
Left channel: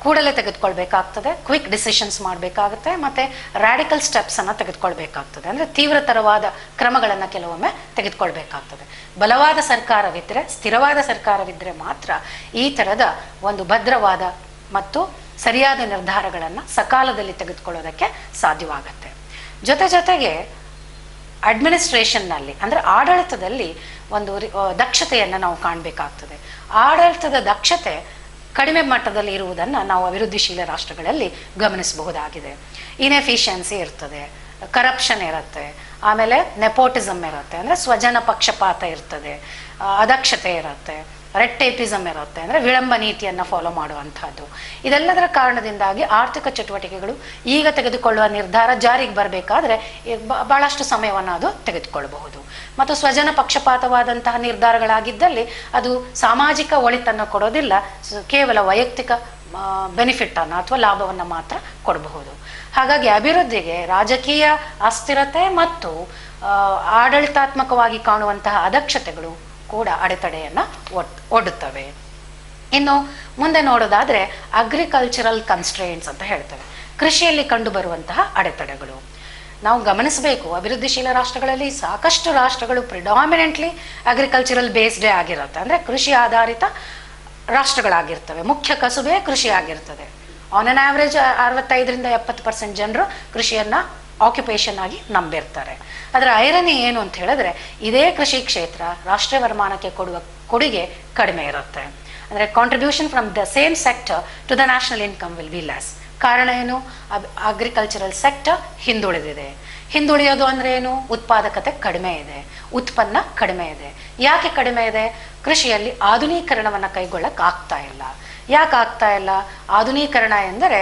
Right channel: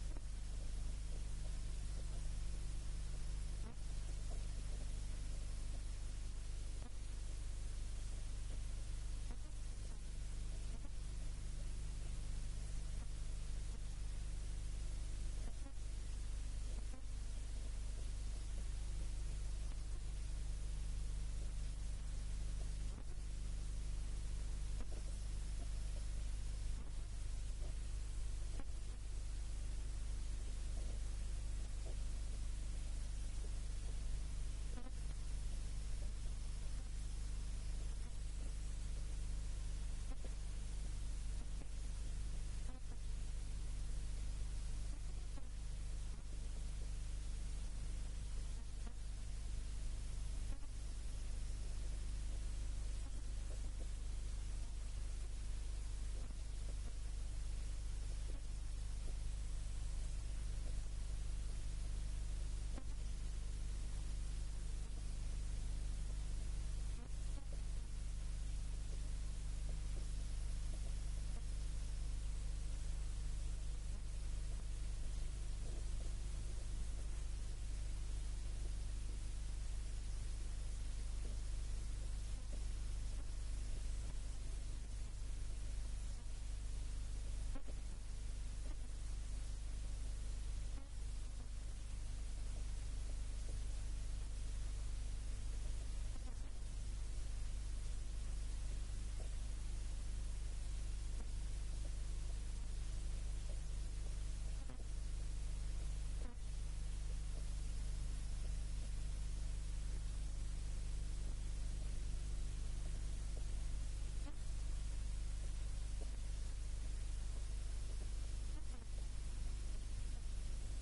ಕೂಡಲೇ ತೆಗೆದುಕೊಳ್ಬೇಕಾಗ್ತದೆ, ಕ್ವಿಕ್ ಡಿಸಿಷನ್ಸ್ ಮಾಡಬೇಕಾಗುತ್ತೆ, ಮತ್ತು ರ್ಯಾಡಿಕಲ್ ಸ್ಟೆಪ್ಸನ್ನು ತೆಗೆದುಕೊಳ್ಬೇಕಾಗ್ತದೆ, ಅಂದರೆ ತೀವ್ರತರವಾದ ಕ್ರಮಗಳನ್ನು ಕೆಲವೊಮ್ಮೆ ತೆಗೆದುಕೊಳ್ಬೇಕಾಗ್ತದೆ. ಬಲವಾದ ಸರ್ಕಾರವಿದ್ದರೆ, ಸ್ಥಿರವಾದ ಸರ್ಕಾರವಿದ್ದರೆ ಮಾತ್ರ ಈ ಥರದ ಒಂದು ಭದ್ರವಾದ ಮತ್ತು ಸರಿಯಾದ ನಿರ್ಧಾರಗಳನ್ನು ಸಕಾಲದಲ್ಲಿ ತೆಗೆದುಕೊಳ್ಳೋದಕ್ಕೆ ಸಾಧ್ಯವಾಗುತ್ತೆ. ಜೊತೆಗೆ ಅಡ್ಮಿನಿಸ್ಟ್ರೇಷನ್ನಲ್ಲಿ ಅಂದರೆ ಆಡಳಿತದಲ್ಲಿ ಒಂದು ದಕ್ಷತೆಯನ್ನು ನಾವು ಕಾಣಬೇಕಾಗ್ತದೆ. ಆಡಳಿತದ ದಕ್ಷತೆ ಕಡಿಮೆ ಮಟ್ಟದಲ್ಲಿ ಇರುವುದನ್ನು ನಾವು ಅಭಿವೃದ್ಧಿಶೀಲ ರಾಷ್ಟ್ರಗಳಲ್ಲಿ ಗಮನಿಸಬಹುದಾಗಿದೆ. ಇನ್ಎಫಿಷಿಯನ್ಸಿ ಇರ್ತದೆ, ಕರಪ್ಷನ್ ಇರುತ್ತೆ, ಆಮೇಲೆ ನೆಪೋಟಿಸಮ್ ಇರುತ್ತೆ, ಅಂದರೆ ಸ್ವಜನ ಪಕ್ಷಪಾತ ಇರ್ತದೆ, ಅದಕ್ಷತೆ ಇರುತ್ತೆ, ರೆಡ್ ಟೇಪಿಸಮ್ ಇರುತ್ತೆ, ಅಂದರೆ ವಿಳಂಬ ನೀತಿಯನ್ನು ಫಾಲೋ ಮಾಡುವಂಥದ್ದು. ಇದೆಲ್ಲದರ ಕಾರಣದಿಂದಾಗಿ ಆರ್ಥಿಕ ಚಟುವಟಿಕೆಗಳು ಈಗ ತೆಗೆದುಕೊಳ್ಳುವ ನಿರ್ಧಾರ ಜಾರಿಗೆ ಬರಬೇಕಾದ್ರೆ ಭಾಳಷ್ಟು ಸಮಯವನ್ನು ಅದು ತೆಗೆದುಕೊಳ್ಳಬಹುದು. ಮತ್ತು ಸ್ವಜನ ಪಕ್ಷಪಾತವಾದಂತಹ ನಿರ್ಧಾರಗಳಾಗಿದ್ದಲ್ಲಿ ಅದು ಸಾಮಾಜಿಕ ಒಳಿತನ್ನು ಕೊಡೋದಿಲ್ಲ, ಕೇವಲ ವೈಯಕ್ತಿಕ ಬೆನಿಫಿಟ್ಟನ್ನು ಅಥವಾ ಲಾಭವನ್ನು ಮಾತ್ರ ಕೊಡಬಹುದು. ಹಾಗಾಗಿ ಅಭಿವೃದ್ಧಿಗೆ ರಾಜಕೀಯ ಅಸ್ಥಿರತೆ ಮತ್ತು ಆಡಳಿತಾತ್ಮಕವಾಗಿ ಕಾಣುವಂತಹ ಅದಕ್ಷತೆಗಳು ಕೂಡ ಅಡೆತಡೆಯನ್ನು ಒಡ್ಡುತ್ತವೆ. ಇನ್ನು ಮುಂದೆ ನೋಡೋದಾದರೆ ಅಗ್ರಿಕಲ್ಚರಲ್ ಕನ್ಸ್ಟ್ರೇಂಟ್ಸ್ ಅಂತ ಹೇಳ್ತೇವೆ, ಕೃಷಿಯಲ್ಲಿ ಕಂಡುಬರುವಂತಹ ಅಡೆತಡೆಗಳು. ನಾವು ಗಮನಿಸಬೇಕು, ಅಭಿವೃದ್ಧಿಶೀಲ ರಾಷ್ಟ್ರಗಳಲ್ಲಿ ಸಾಕಷ್ಟು ರಾಷ್ಟ್ರಗಳು ಪ್ರಿಡಾಮಿನೆಂಟ್ಲಿ ಅಗ್ರಿಕಲ್ಚರಲ್ ಬೇಸ್ಡೇ ಆಗಿರುತ್ತೆ, ಅಂದರೆ ಕೃಷಿ ಆಧಾರಿತ ರಾಷ್ಟ್ರಗಳಾಗಿರ್ತವೆ, ಮುಖ್ಯ ಕಸುಬೇ ಕೃಷಿ ಆಗಿರ್ತದೆ. ಆನ್ ಅನ್ ಆವ್ರೇಜ್ 65-70% ಜನರು ಕೃಷಿಯನ್ನು ಆಕ್ಯುಪೇಷನ್ ಆಗಿ ನಂಬಿರ್ತಾರೆ. ಅದರ ಐರನಿ ಏನು ಅಂತ ಹೇಳಿದ್ರೆ, ಇದೇ ಕೃಷಿ ಕ್ಷೇತ್ರ ರಾಷ್ಟ್ರೀಯ ವರಮಾನಕ್ಕೆ ಕೊಡುವ ಕೊಡುಗೆ ಕಡಿಮೆ ಇರುತ್ತೆ. ಅಂದರೆ contribution from the same sector to the national income will be less. ಕಾರಣ ಏನು? ಅಗ್ರಿಕಲ್ಚರಲ್ ಸೆಕ್ಟರ್ ಹಿಂದುಳಿದಿದೆ. ಹಿಂದುಳಿಯೋದು ಅಂದರೆ ಏನು? ಉತ್ಪಾದಕತೆ ಕಡಿಮೆ ಇದೆ, ಉತ್ಪನ್ನ ಕಡಿಮೆ ಇದೆ. ಯಾಕೆ ಕಡಿಮೆ ಇದೆ? ಕೃಷಿಯಲ್ಲಿ ಆಧುನೀಕರಣವನ್ನು ಕೈಗೊಳ್ಳಕ್ಕೆ ಆಗ್ತಾ ಇಲ್ಲ. ಯಾಕೆ ಆಗ್ತಾ ಇಲ್ಲ? ಆಧುನೀಕರಣ ಎಂದರೆ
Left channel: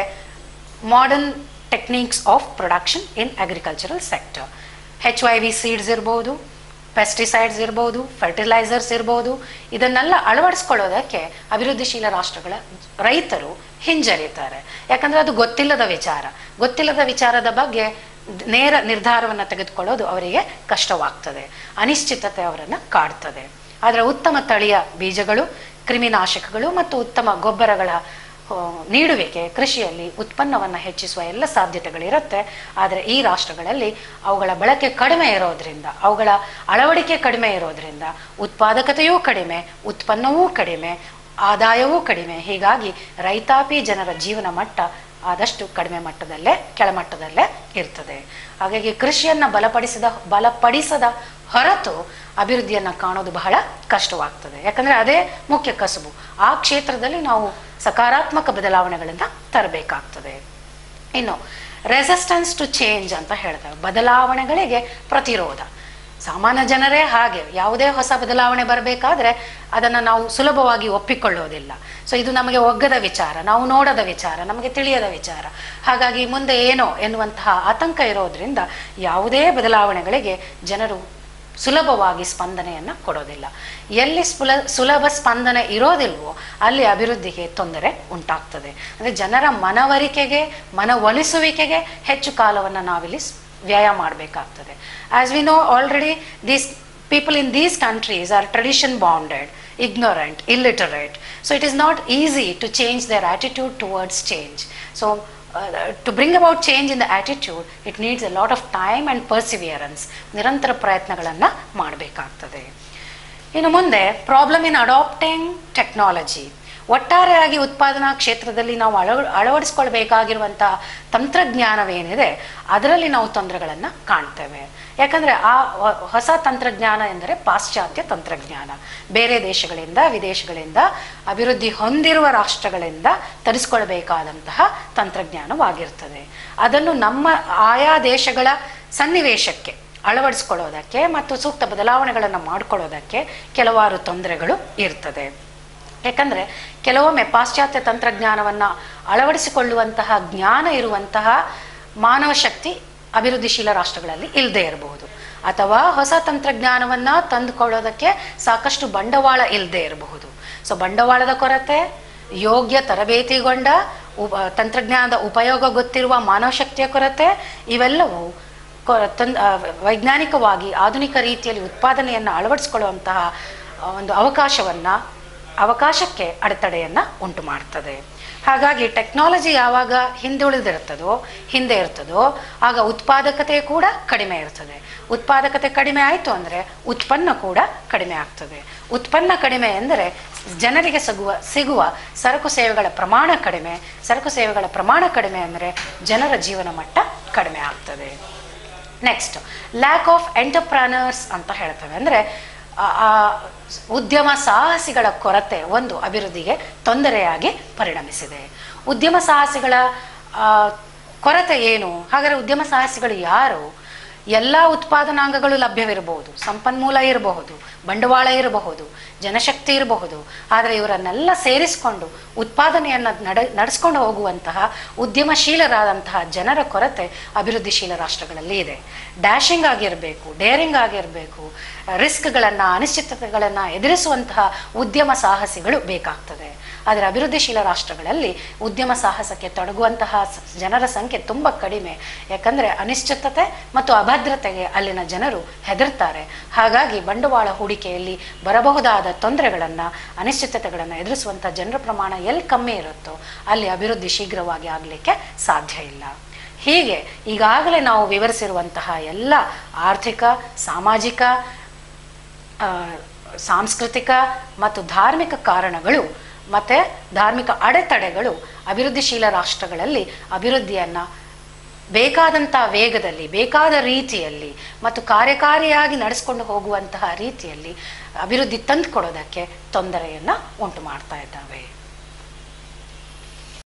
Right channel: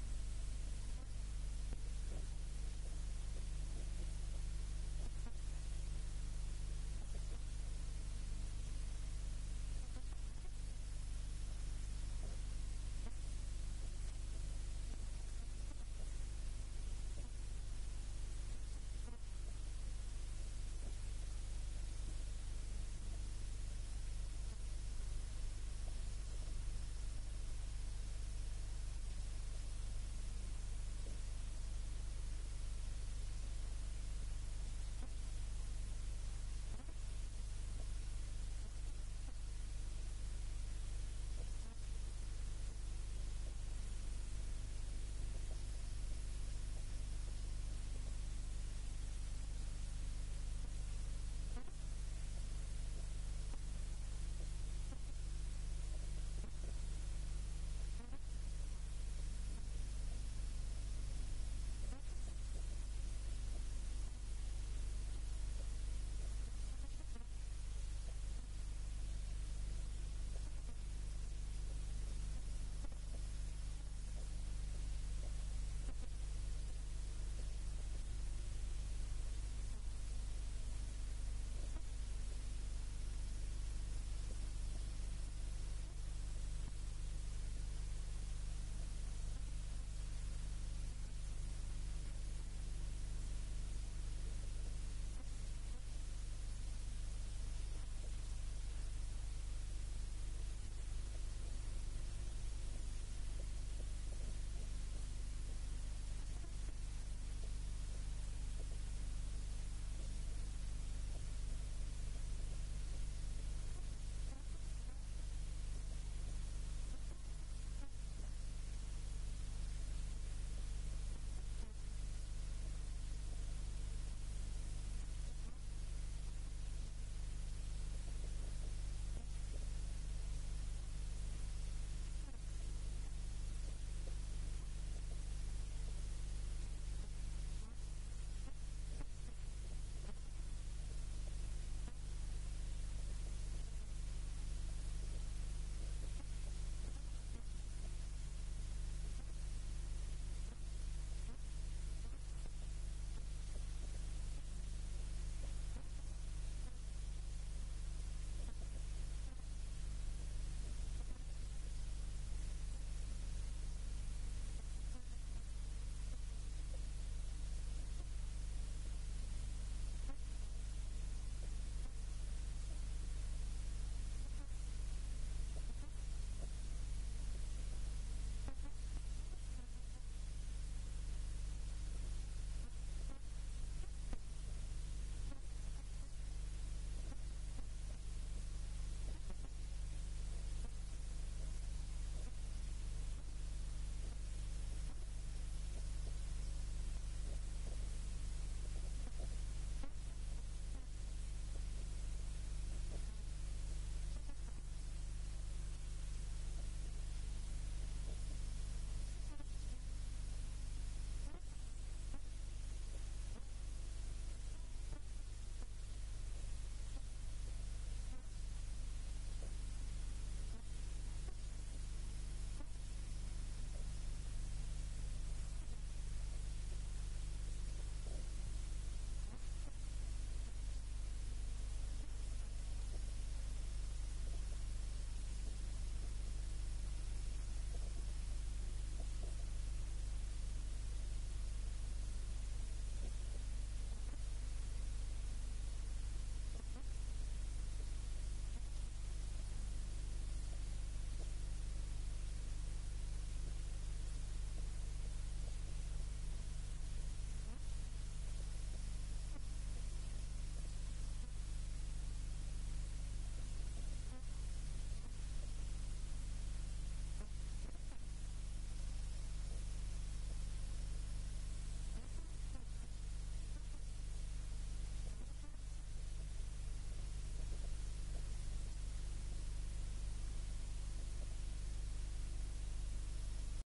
modern techniques of production in agricultural sector. HYV seeds ಇರ್ಬೋದು, ಪೆಸ್ಟಿಸೈಡ್ಸ್ ಇರ್ಬೋದು, ಫರ್ಟಿಲೈಸರ್ಸ್ ಇರ್ಬೋದು, ಇದನ್ನೆಲ್ಲ ಅಳವಡಿಸ್ಕೊಳ್ಳೋದಕ್ಕೆ ಅಭಿವೃದ್ಧಿಶೀಲ ರಾಷ್ಟ್ರಗಳ ರೈತರು ಹಿಂಜರಿತಾರೆ. ಯಾಕಂದರೆ ಅದು ಗೊತ್ತಿಲ್ಲದ ವಿಚಾರದ ಬಗ್ಗೆ ನೇರ ನಿರ್ಧಾರವನ್ನು ತೆಗೆದುಕೊಳ್ಳೋದು ಅವರಿಗೆ ಕಷ್ಟವಾಗ್ತದೆ, ಅನಿಶ್ಚಿತತೆ ಅವರನ್ನು ಕಾಡ್ತದೆ. ಆದರೆ ಉತ್ತಮ ತಳಿಯ ಬೀಜಗಳು, ಕ್ರಿಮಿನಾಶಕಗಳು ಮತ್ತು ಉತ್ತಮ ಗೊಬ್ಬರಗಳ ನೀಡುವಿಕೆ ಕೃಷಿಯಲ್ಲಿ ಉತ್ಪನ್ನವನ್ನು ಹೆಚ್ಚಿಸುವ ಎಲ್ಲ ಸಾಧ್ಯತೆಗಳಿರುತ್ತೆ. ಆದರೆ ಈ ರಾಷ್ಟ್ರಗಳಲ್ಲಿ ಅವುಗಳ ಬಳಕೆ ಕಡಿಮೆ ಇರೋದ್ರಿಂದ, ಅವುಗಳ ಅಳವಡಿಕೆ ಕಡಿಮೆ ಇರೋದ್ರಿಂದ ಉತ್ಪಾದಕತೆಯೂ ಕಡಿಮೆ, ಉತ್ಪನ್ನವೂ ಕಡಿಮೆ, ಆದಾಯವೂ ಕಡಿಮೆ. ಹೀಗಾಗಿ ರೈತಾಪಿ ಜನರ ಜೀವನ ಮಟ್ಟ ಆದಷ್ಟು ಕಡಿಮೆ ಮಟ್ಟದಲ್ಲೇ, ಕೆಳಮಟ್ಟದಲ್ಲೇ ಇರ್ತದೆ. ಹಾಗಾಗಿ ಕೃಷಿಯನ್ನು ಬಲಪಡಿಸದ ಹೊರತು ಅಭಿವೃದ್ಧಿಯನ್ನು ಕಾಣೋದು ಬಹಳ ಕಷ್ಟವಾಗ್ತದೆ. ಯಾಕಂದರೆ ಅದೇ ಮುಖ್ಯ ಕಸುಬು. ಆ ಕ್ಷೇತ್ರದಲ್ಲಿ ನಾವು ಸಕಾರಾತ್ಮಕ ಬದಲಾವಣೆಗಳನ್ನು ತರಬೇಕಾಗ್ತದೆ. ಇನ್ನು ರೆಸಿಸ್ಟೆನ್ಸ್ ಟು ಚೇಂಜ್ ಅಂತ ಹೇಳ್ತೇವೆ, ಬದಲಾವಣೆಗಳಿಗೆ ಪ್ರತಿರೋಧ. ಸಾಮಾನ್ಯ ಜನರೇ ಹಾಗೆ, ಯಾವುದೇ ಹೊಸ ಬದಲಾವಣೆ ಬರಬೇಕಾದ್ರೆ ಅದನ್ನು ನಾವು ಸುಲಭವಾಗಿ ಒಪ್ಪಿಕೊಳ್ಳೋದಿಲ್ಲ. ಸೊ ಇದು ನಮಗೆ ಒಗ್ಗದ ವಿಚಾರ, ನಾವು ನೋಡದ ವಿಚಾರ, ನಮಗೆ ತಿಳಿಯದ ವಿಚಾರ. ಹಾಗಾಗಿ ಮುಂದೆ ಏನೋ ಎನ್ನುವಂತಹ ಆತಂಕ ಇರೋದ್ರಿಂದ ಯಾವುದೇ ಬದಲಾವಣೆಗಳಿಗೆ ಜನರು ಸುಲಭವಾಗಿ ಸ್ಪಂದನೆಯನ್ನು ಕೊಡೋದಿಲ್ಲ. ಎಲ್ಲಿ ಸುಲಭ ಸ್ಪಂದನೆ ಇರೋದಿಲ್ವೋ ಅಲ್ಲಿ ಅಭಿವೃದ್ಧಿಗೆ ತೊಂದರೆ ಉಂಟಾಗ್ತದೆ. ಅಂದರೆ ಜನರ ಮನವೊಲಿಸುವಿಕೆಗೆ ಹೆಚ್ಚು ಕಾಲವನ್ನು ನಾವಿಲ್ಲಿ ವ್ಯಯ ಮಾಡಬೇಕಾಗ್ತದೆ. As we know already, these people in these countries are tradition bounded, ignorant, illiterate. So it is not easy to change their attitude towards change. So to bring about change in the attitude, it needs a lot of time and perseverance. ನಿರಂತರ ಪ್ರಯತ್ನಗಳನ್ನು ಮಾಡಬೇಕಾಗ್ತದೆ. ಇನ್ನು ಮುಂದೆ problem in adapting technology. ಒಟ್ಟಾರೆಯಾಗಿ ಉತ್ಪಾದನಾ ಕ್ಷೇತ್ರದಲ್ಲಿ ನಾವು ಅಳವಡಿಸ್ಕೊಳ್ಬೇಕಾಗಿರುವಂತಹ ತಂತ್ರಜ್ಞಾನವೇನಿದೆ ಅದರಲ್ಲಿ ನಾವು ತೊಂದರೆಗಳನ್ನು ಕಾಣ್ತೇವೆ. ಯಾಕಂದರೆ ಆ ಹೊಸ ತಂತ್ರಜ್ಞಾನ ಎಂದರೆ ಪಾಶ್ಚಾತ್ಯ ತಂತ್ರಜ್ಞಾನ. ಬೇರೆ ದೇಶಗಳಿಂದ, ವಿದೇಶಗಳಿಂದ, ಅಭಿವೃದ್ಧಿ ಹೊಂದಿರುವ ರಾಷ್ಟ್ರಗಳಿಂದ ತರಿಸ್ಕೊಳ್ಬೇಕಾದಂತಹ ತಂತ್ರಜ್ಞಾನವಾಗಿರ್ತದೆ. ಅದನ್ನು ನಮ್ಮ ಆಯಾ ದೇಶಗಳ ಸನ್ನಿವೇಶಕ್ಕೆ ಅಳವಡಿಸ್ಕೊಳ್ಳೋದಕ್ಕೆ ಮತ್ತು ಸೂಕ್ತ ಬದಲಾವಣೆಗಳನ್ನು ಮಾಡಿಕೊಳ್ಳೋದಕ್ಕೆ ಕೆಲವಾರು ತೊಂದರೆಗಳು ಇರ್ತದೆ. ಯಾಕಂದರೆ ಕೆಲವೊಮ್ಮೆ ಪಾಶ್ಚಾತ್ಯ ತಂತ್ರಜ್ಞಾನವನ್ನು ಅಳವಡಿಸಿಕೊಳ್ಳುವಂತಹ ಜ್ಞಾನ ಇರುವಂತಹ ಮಾನವ ಶಕ್ತಿ ಅಭಿವೃದ್ಧಿಶೀಲ ರಾಷ್ಟ್ರಗಳಲ್ಲಿ ಇಲ್ಲದೆ ಇರಬಹುದು. ಅಥವಾ ಹೊಸ ತಂತ್ರಜ್ಞಾನವನ್ನು ತಂದುಕೊಳ್ಳೋದಕ್ಕೆ ಸಾಕಷ್ಟು ಬಂಡವಾಳ ಇಲ್ಲದೆ ಇರಬಹುದು. ಸೊ ಬಂಡವಾಳದ ಕೊರತೆ, ಯೋಗ್ಯ ತರಬೇತಿಗೊಂಡ ತಂತ್ರಜ್ಞಾನದ ಉಪಯೋಗ ಗೊತ್ತಿರುವ ಮಾನವ ಶಕ್ತಿಯ ಕೊರತೆ, ಇವೆಲ್ಲವೂ ವೈಜ್ಞಾನಿಕವಾಗಿ ಆಧುನಿಕ ರೀತಿಯಲ್ಲಿ ಉತ್ಪಾದನೆಯನ್ನು ಅಳವಡಿಸಿಕೊಳ್ಳುವಂತಹ ಒಂದು ಅವಕಾಶಕ್ಕೆ ಅಡೆತಡೆಯನ್ನು ಉಂಟು ಮಾಡ್ತದೆ. ಹಾಗಾಗಿ ಟೆಕ್ನಾಲಜಿ ಯಾವಾಗ ಹಿಂದೆ ಇರ್ತದೋ ಆಗ ಉತ್ಪಾದಕತೆ ಕೂಡ ಕಡಿಮೆ ಇರ್ತದೆ. ಉತ್ಪಾದಕತೆ ಕಡಿಮೆ ಆಯಿತು ಅಂದರೆ ಉತ್ಪನ್ನ ಕೂಡ ಕಡಿಮೆ ಆಗ್ತದೆ. ಉತ್ಪನ್ನ ಕಡಿಮೆ ಎಂದರೆ ಜನರಿಗೆ ಸಿಗುವ ಸರಕು ಸೇವೆಗಳ ಪ್ರಮಾಣ ಕಡಿಮೆ ಅಂದರೆ ಜನರ ಜೀವನ ಮಟ್ಟ ಕಡಿಮೆ ಆಗ್ತದೆ. ನೆಕ್ಸ್ಟ್, ಲ್ಯಾಕ್ ಆಫ್ ಎಂಟರ್ಪ್ರನರ್ಸ್ ಅಂತ ಹೇಳ್ತೇವೆ. ಅಂದರೆ ಉದ್ಯಮ ಸಾಹಸಿಗಳ ಕೊರತೆ ಒಂದು ಅಭಿವೃದ್ಧಿಗೆ ತೊಂದರೆಯಾಗಿ ಪರಿಣಮಿಸಿದೆ. ಉದ್ಯಮ ಸಾಹಸಿಗಳ ಕೊರತೆ ಏನು? ಹಾಗಾದರೆ ಉದ್ಯಮ ಸಾಹಸಿಗಳು ಯಾರು? ಎಲ್ಲ ಉತ್ಪಾದನಾಂಗಗಳು ಲಭ್ಯವಿರಬಹುದು, ಸಂಪನ್ಮೂಲ ಇರಬಹುದು, ಬಂಡವಾಳ ಇರಬಹುದು, ಜನಶಕ್ತಿ ಇರಬಹುದು. ಆದರೆ ಇವರನ್ನೆಲ್ಲ ಸೇರಿಸಿಕೊಂಡು ಉತ್ಪಾದನೆಯನ್ನು ನಡೆಸ್ಕೊಂಡು ಹೋಗುವಂತಹ ಉದ್ಯಮಶೀಲರಾದಂತಹ ಜನರ ಕೊರತೆ ಅಭಿವೃದ್ಧಿಶೀಲ ರಾಷ್ಟ್ರಗಳಲ್ಲಿ ಇದೆ. ಡ್ಯಾಶಿಂಗ್ ಆಗಿರಬೇಕು, ಡೇರಿಂಗ್ ಆಗಿರಬೇಕು, ರಿಸ್ಕ್ಗಳನ್ನು, ಅನಿಶ್ಚಿತತೆಗಳನ್ನು ಎದುರಿಸುವಂತಹ ಉದ್ಯಮ ಸಾಹಸಿಗಳು ಬೇಕಾಗ್ತದೆ. ಆದರೆ ಅಭಿವೃದ್ಧಿಶೀಲ ರಾಷ್ಟ್ರಗಳಲ್ಲಿ ಉದ್ಯಮ ಸಾಹಸಕ್ಕೆ ತೊಡಗುವಂತಹ ಜನರ ಸಂಖ್ಯೆ ತುಂಬ ಕಡಿಮೆ. ಯಾಕಂದರೆ ಅನಿಶ್ಚಿತತೆ ಮತ್ತು ಅಭದ್ರತೆಗೆ ಅಲ್ಲಿನ ಜನರು ಹೆದರ್ತಾರೆ. ಹಾಗಾಗಿ ಬಂಡವಾಳ ಹೂಡಿಕೆಯಲ್ಲಿ ಬರಬಹುದಾದ ತೊಂದರೆಗಳನ್ನು, ಅನಿಶ್ಚಿತತೆಗಳನ್ನು ಎದುರಿಸುವಂಥ ಜನರ ಪ್ರಮಾಣ ಎಲ್ಲಿ ಕಮ್ಮಿ ಇರುತ್ತೋ ಅಲ್ಲಿ ಅಭಿವೃದ್ಧಿ ಶೀಘ್ರವಾಗಿ ಆಗಲಿಕ್ಕೆ ಸಾಧ್ಯ ಇಲ್ಲ. ಹೀಗೆ ಈಗಾಗಲೇ ನಾವು ವಿವರಿಸಿರುವಂತಹ ಎಲ್ಲ ಆರ್ಥಿಕ, ಸಾಮಾಜಿಕ, ಸಾಂಸ್ಕೃತಿಕ ಮತ್ತು ಧಾರ್ಮಿಕ ಕಾರಣಗಳು ಮತ್ತು ಧಾರ್ಮಿಕ ಅಡೆತಡೆಗಳು ಅಭಿವೃದ್ಧಿಶೀಲ ರಾಷ್ಟ್ರಗಳಲ್ಲಿ ಅಭಿವೃದ್ಧಿಯನ್ನು ಬೇಕಾದಂಥ ವೇಗದಲ್ಲಿ, ಬೇಕಾದ ರೀತಿಯಲ್ಲಿ ಮತ್ತು ಕಾರ್ಯಕಾರಿಯಾಗಿ ನಡೆಸ್ಕೊಂಡು ಹೋಗುವಂತಹ ರೀತಿಯಲ್ಲಿ ಅಭಿವೃದ್ಧಿ ತಂದುಕೊಡೋದಕ್ಕೆ ತೊಂದರೆಯನ್ನು ಉಂಟು ಮಾಡ್ತಾ ಇದ್ದಾವೆ.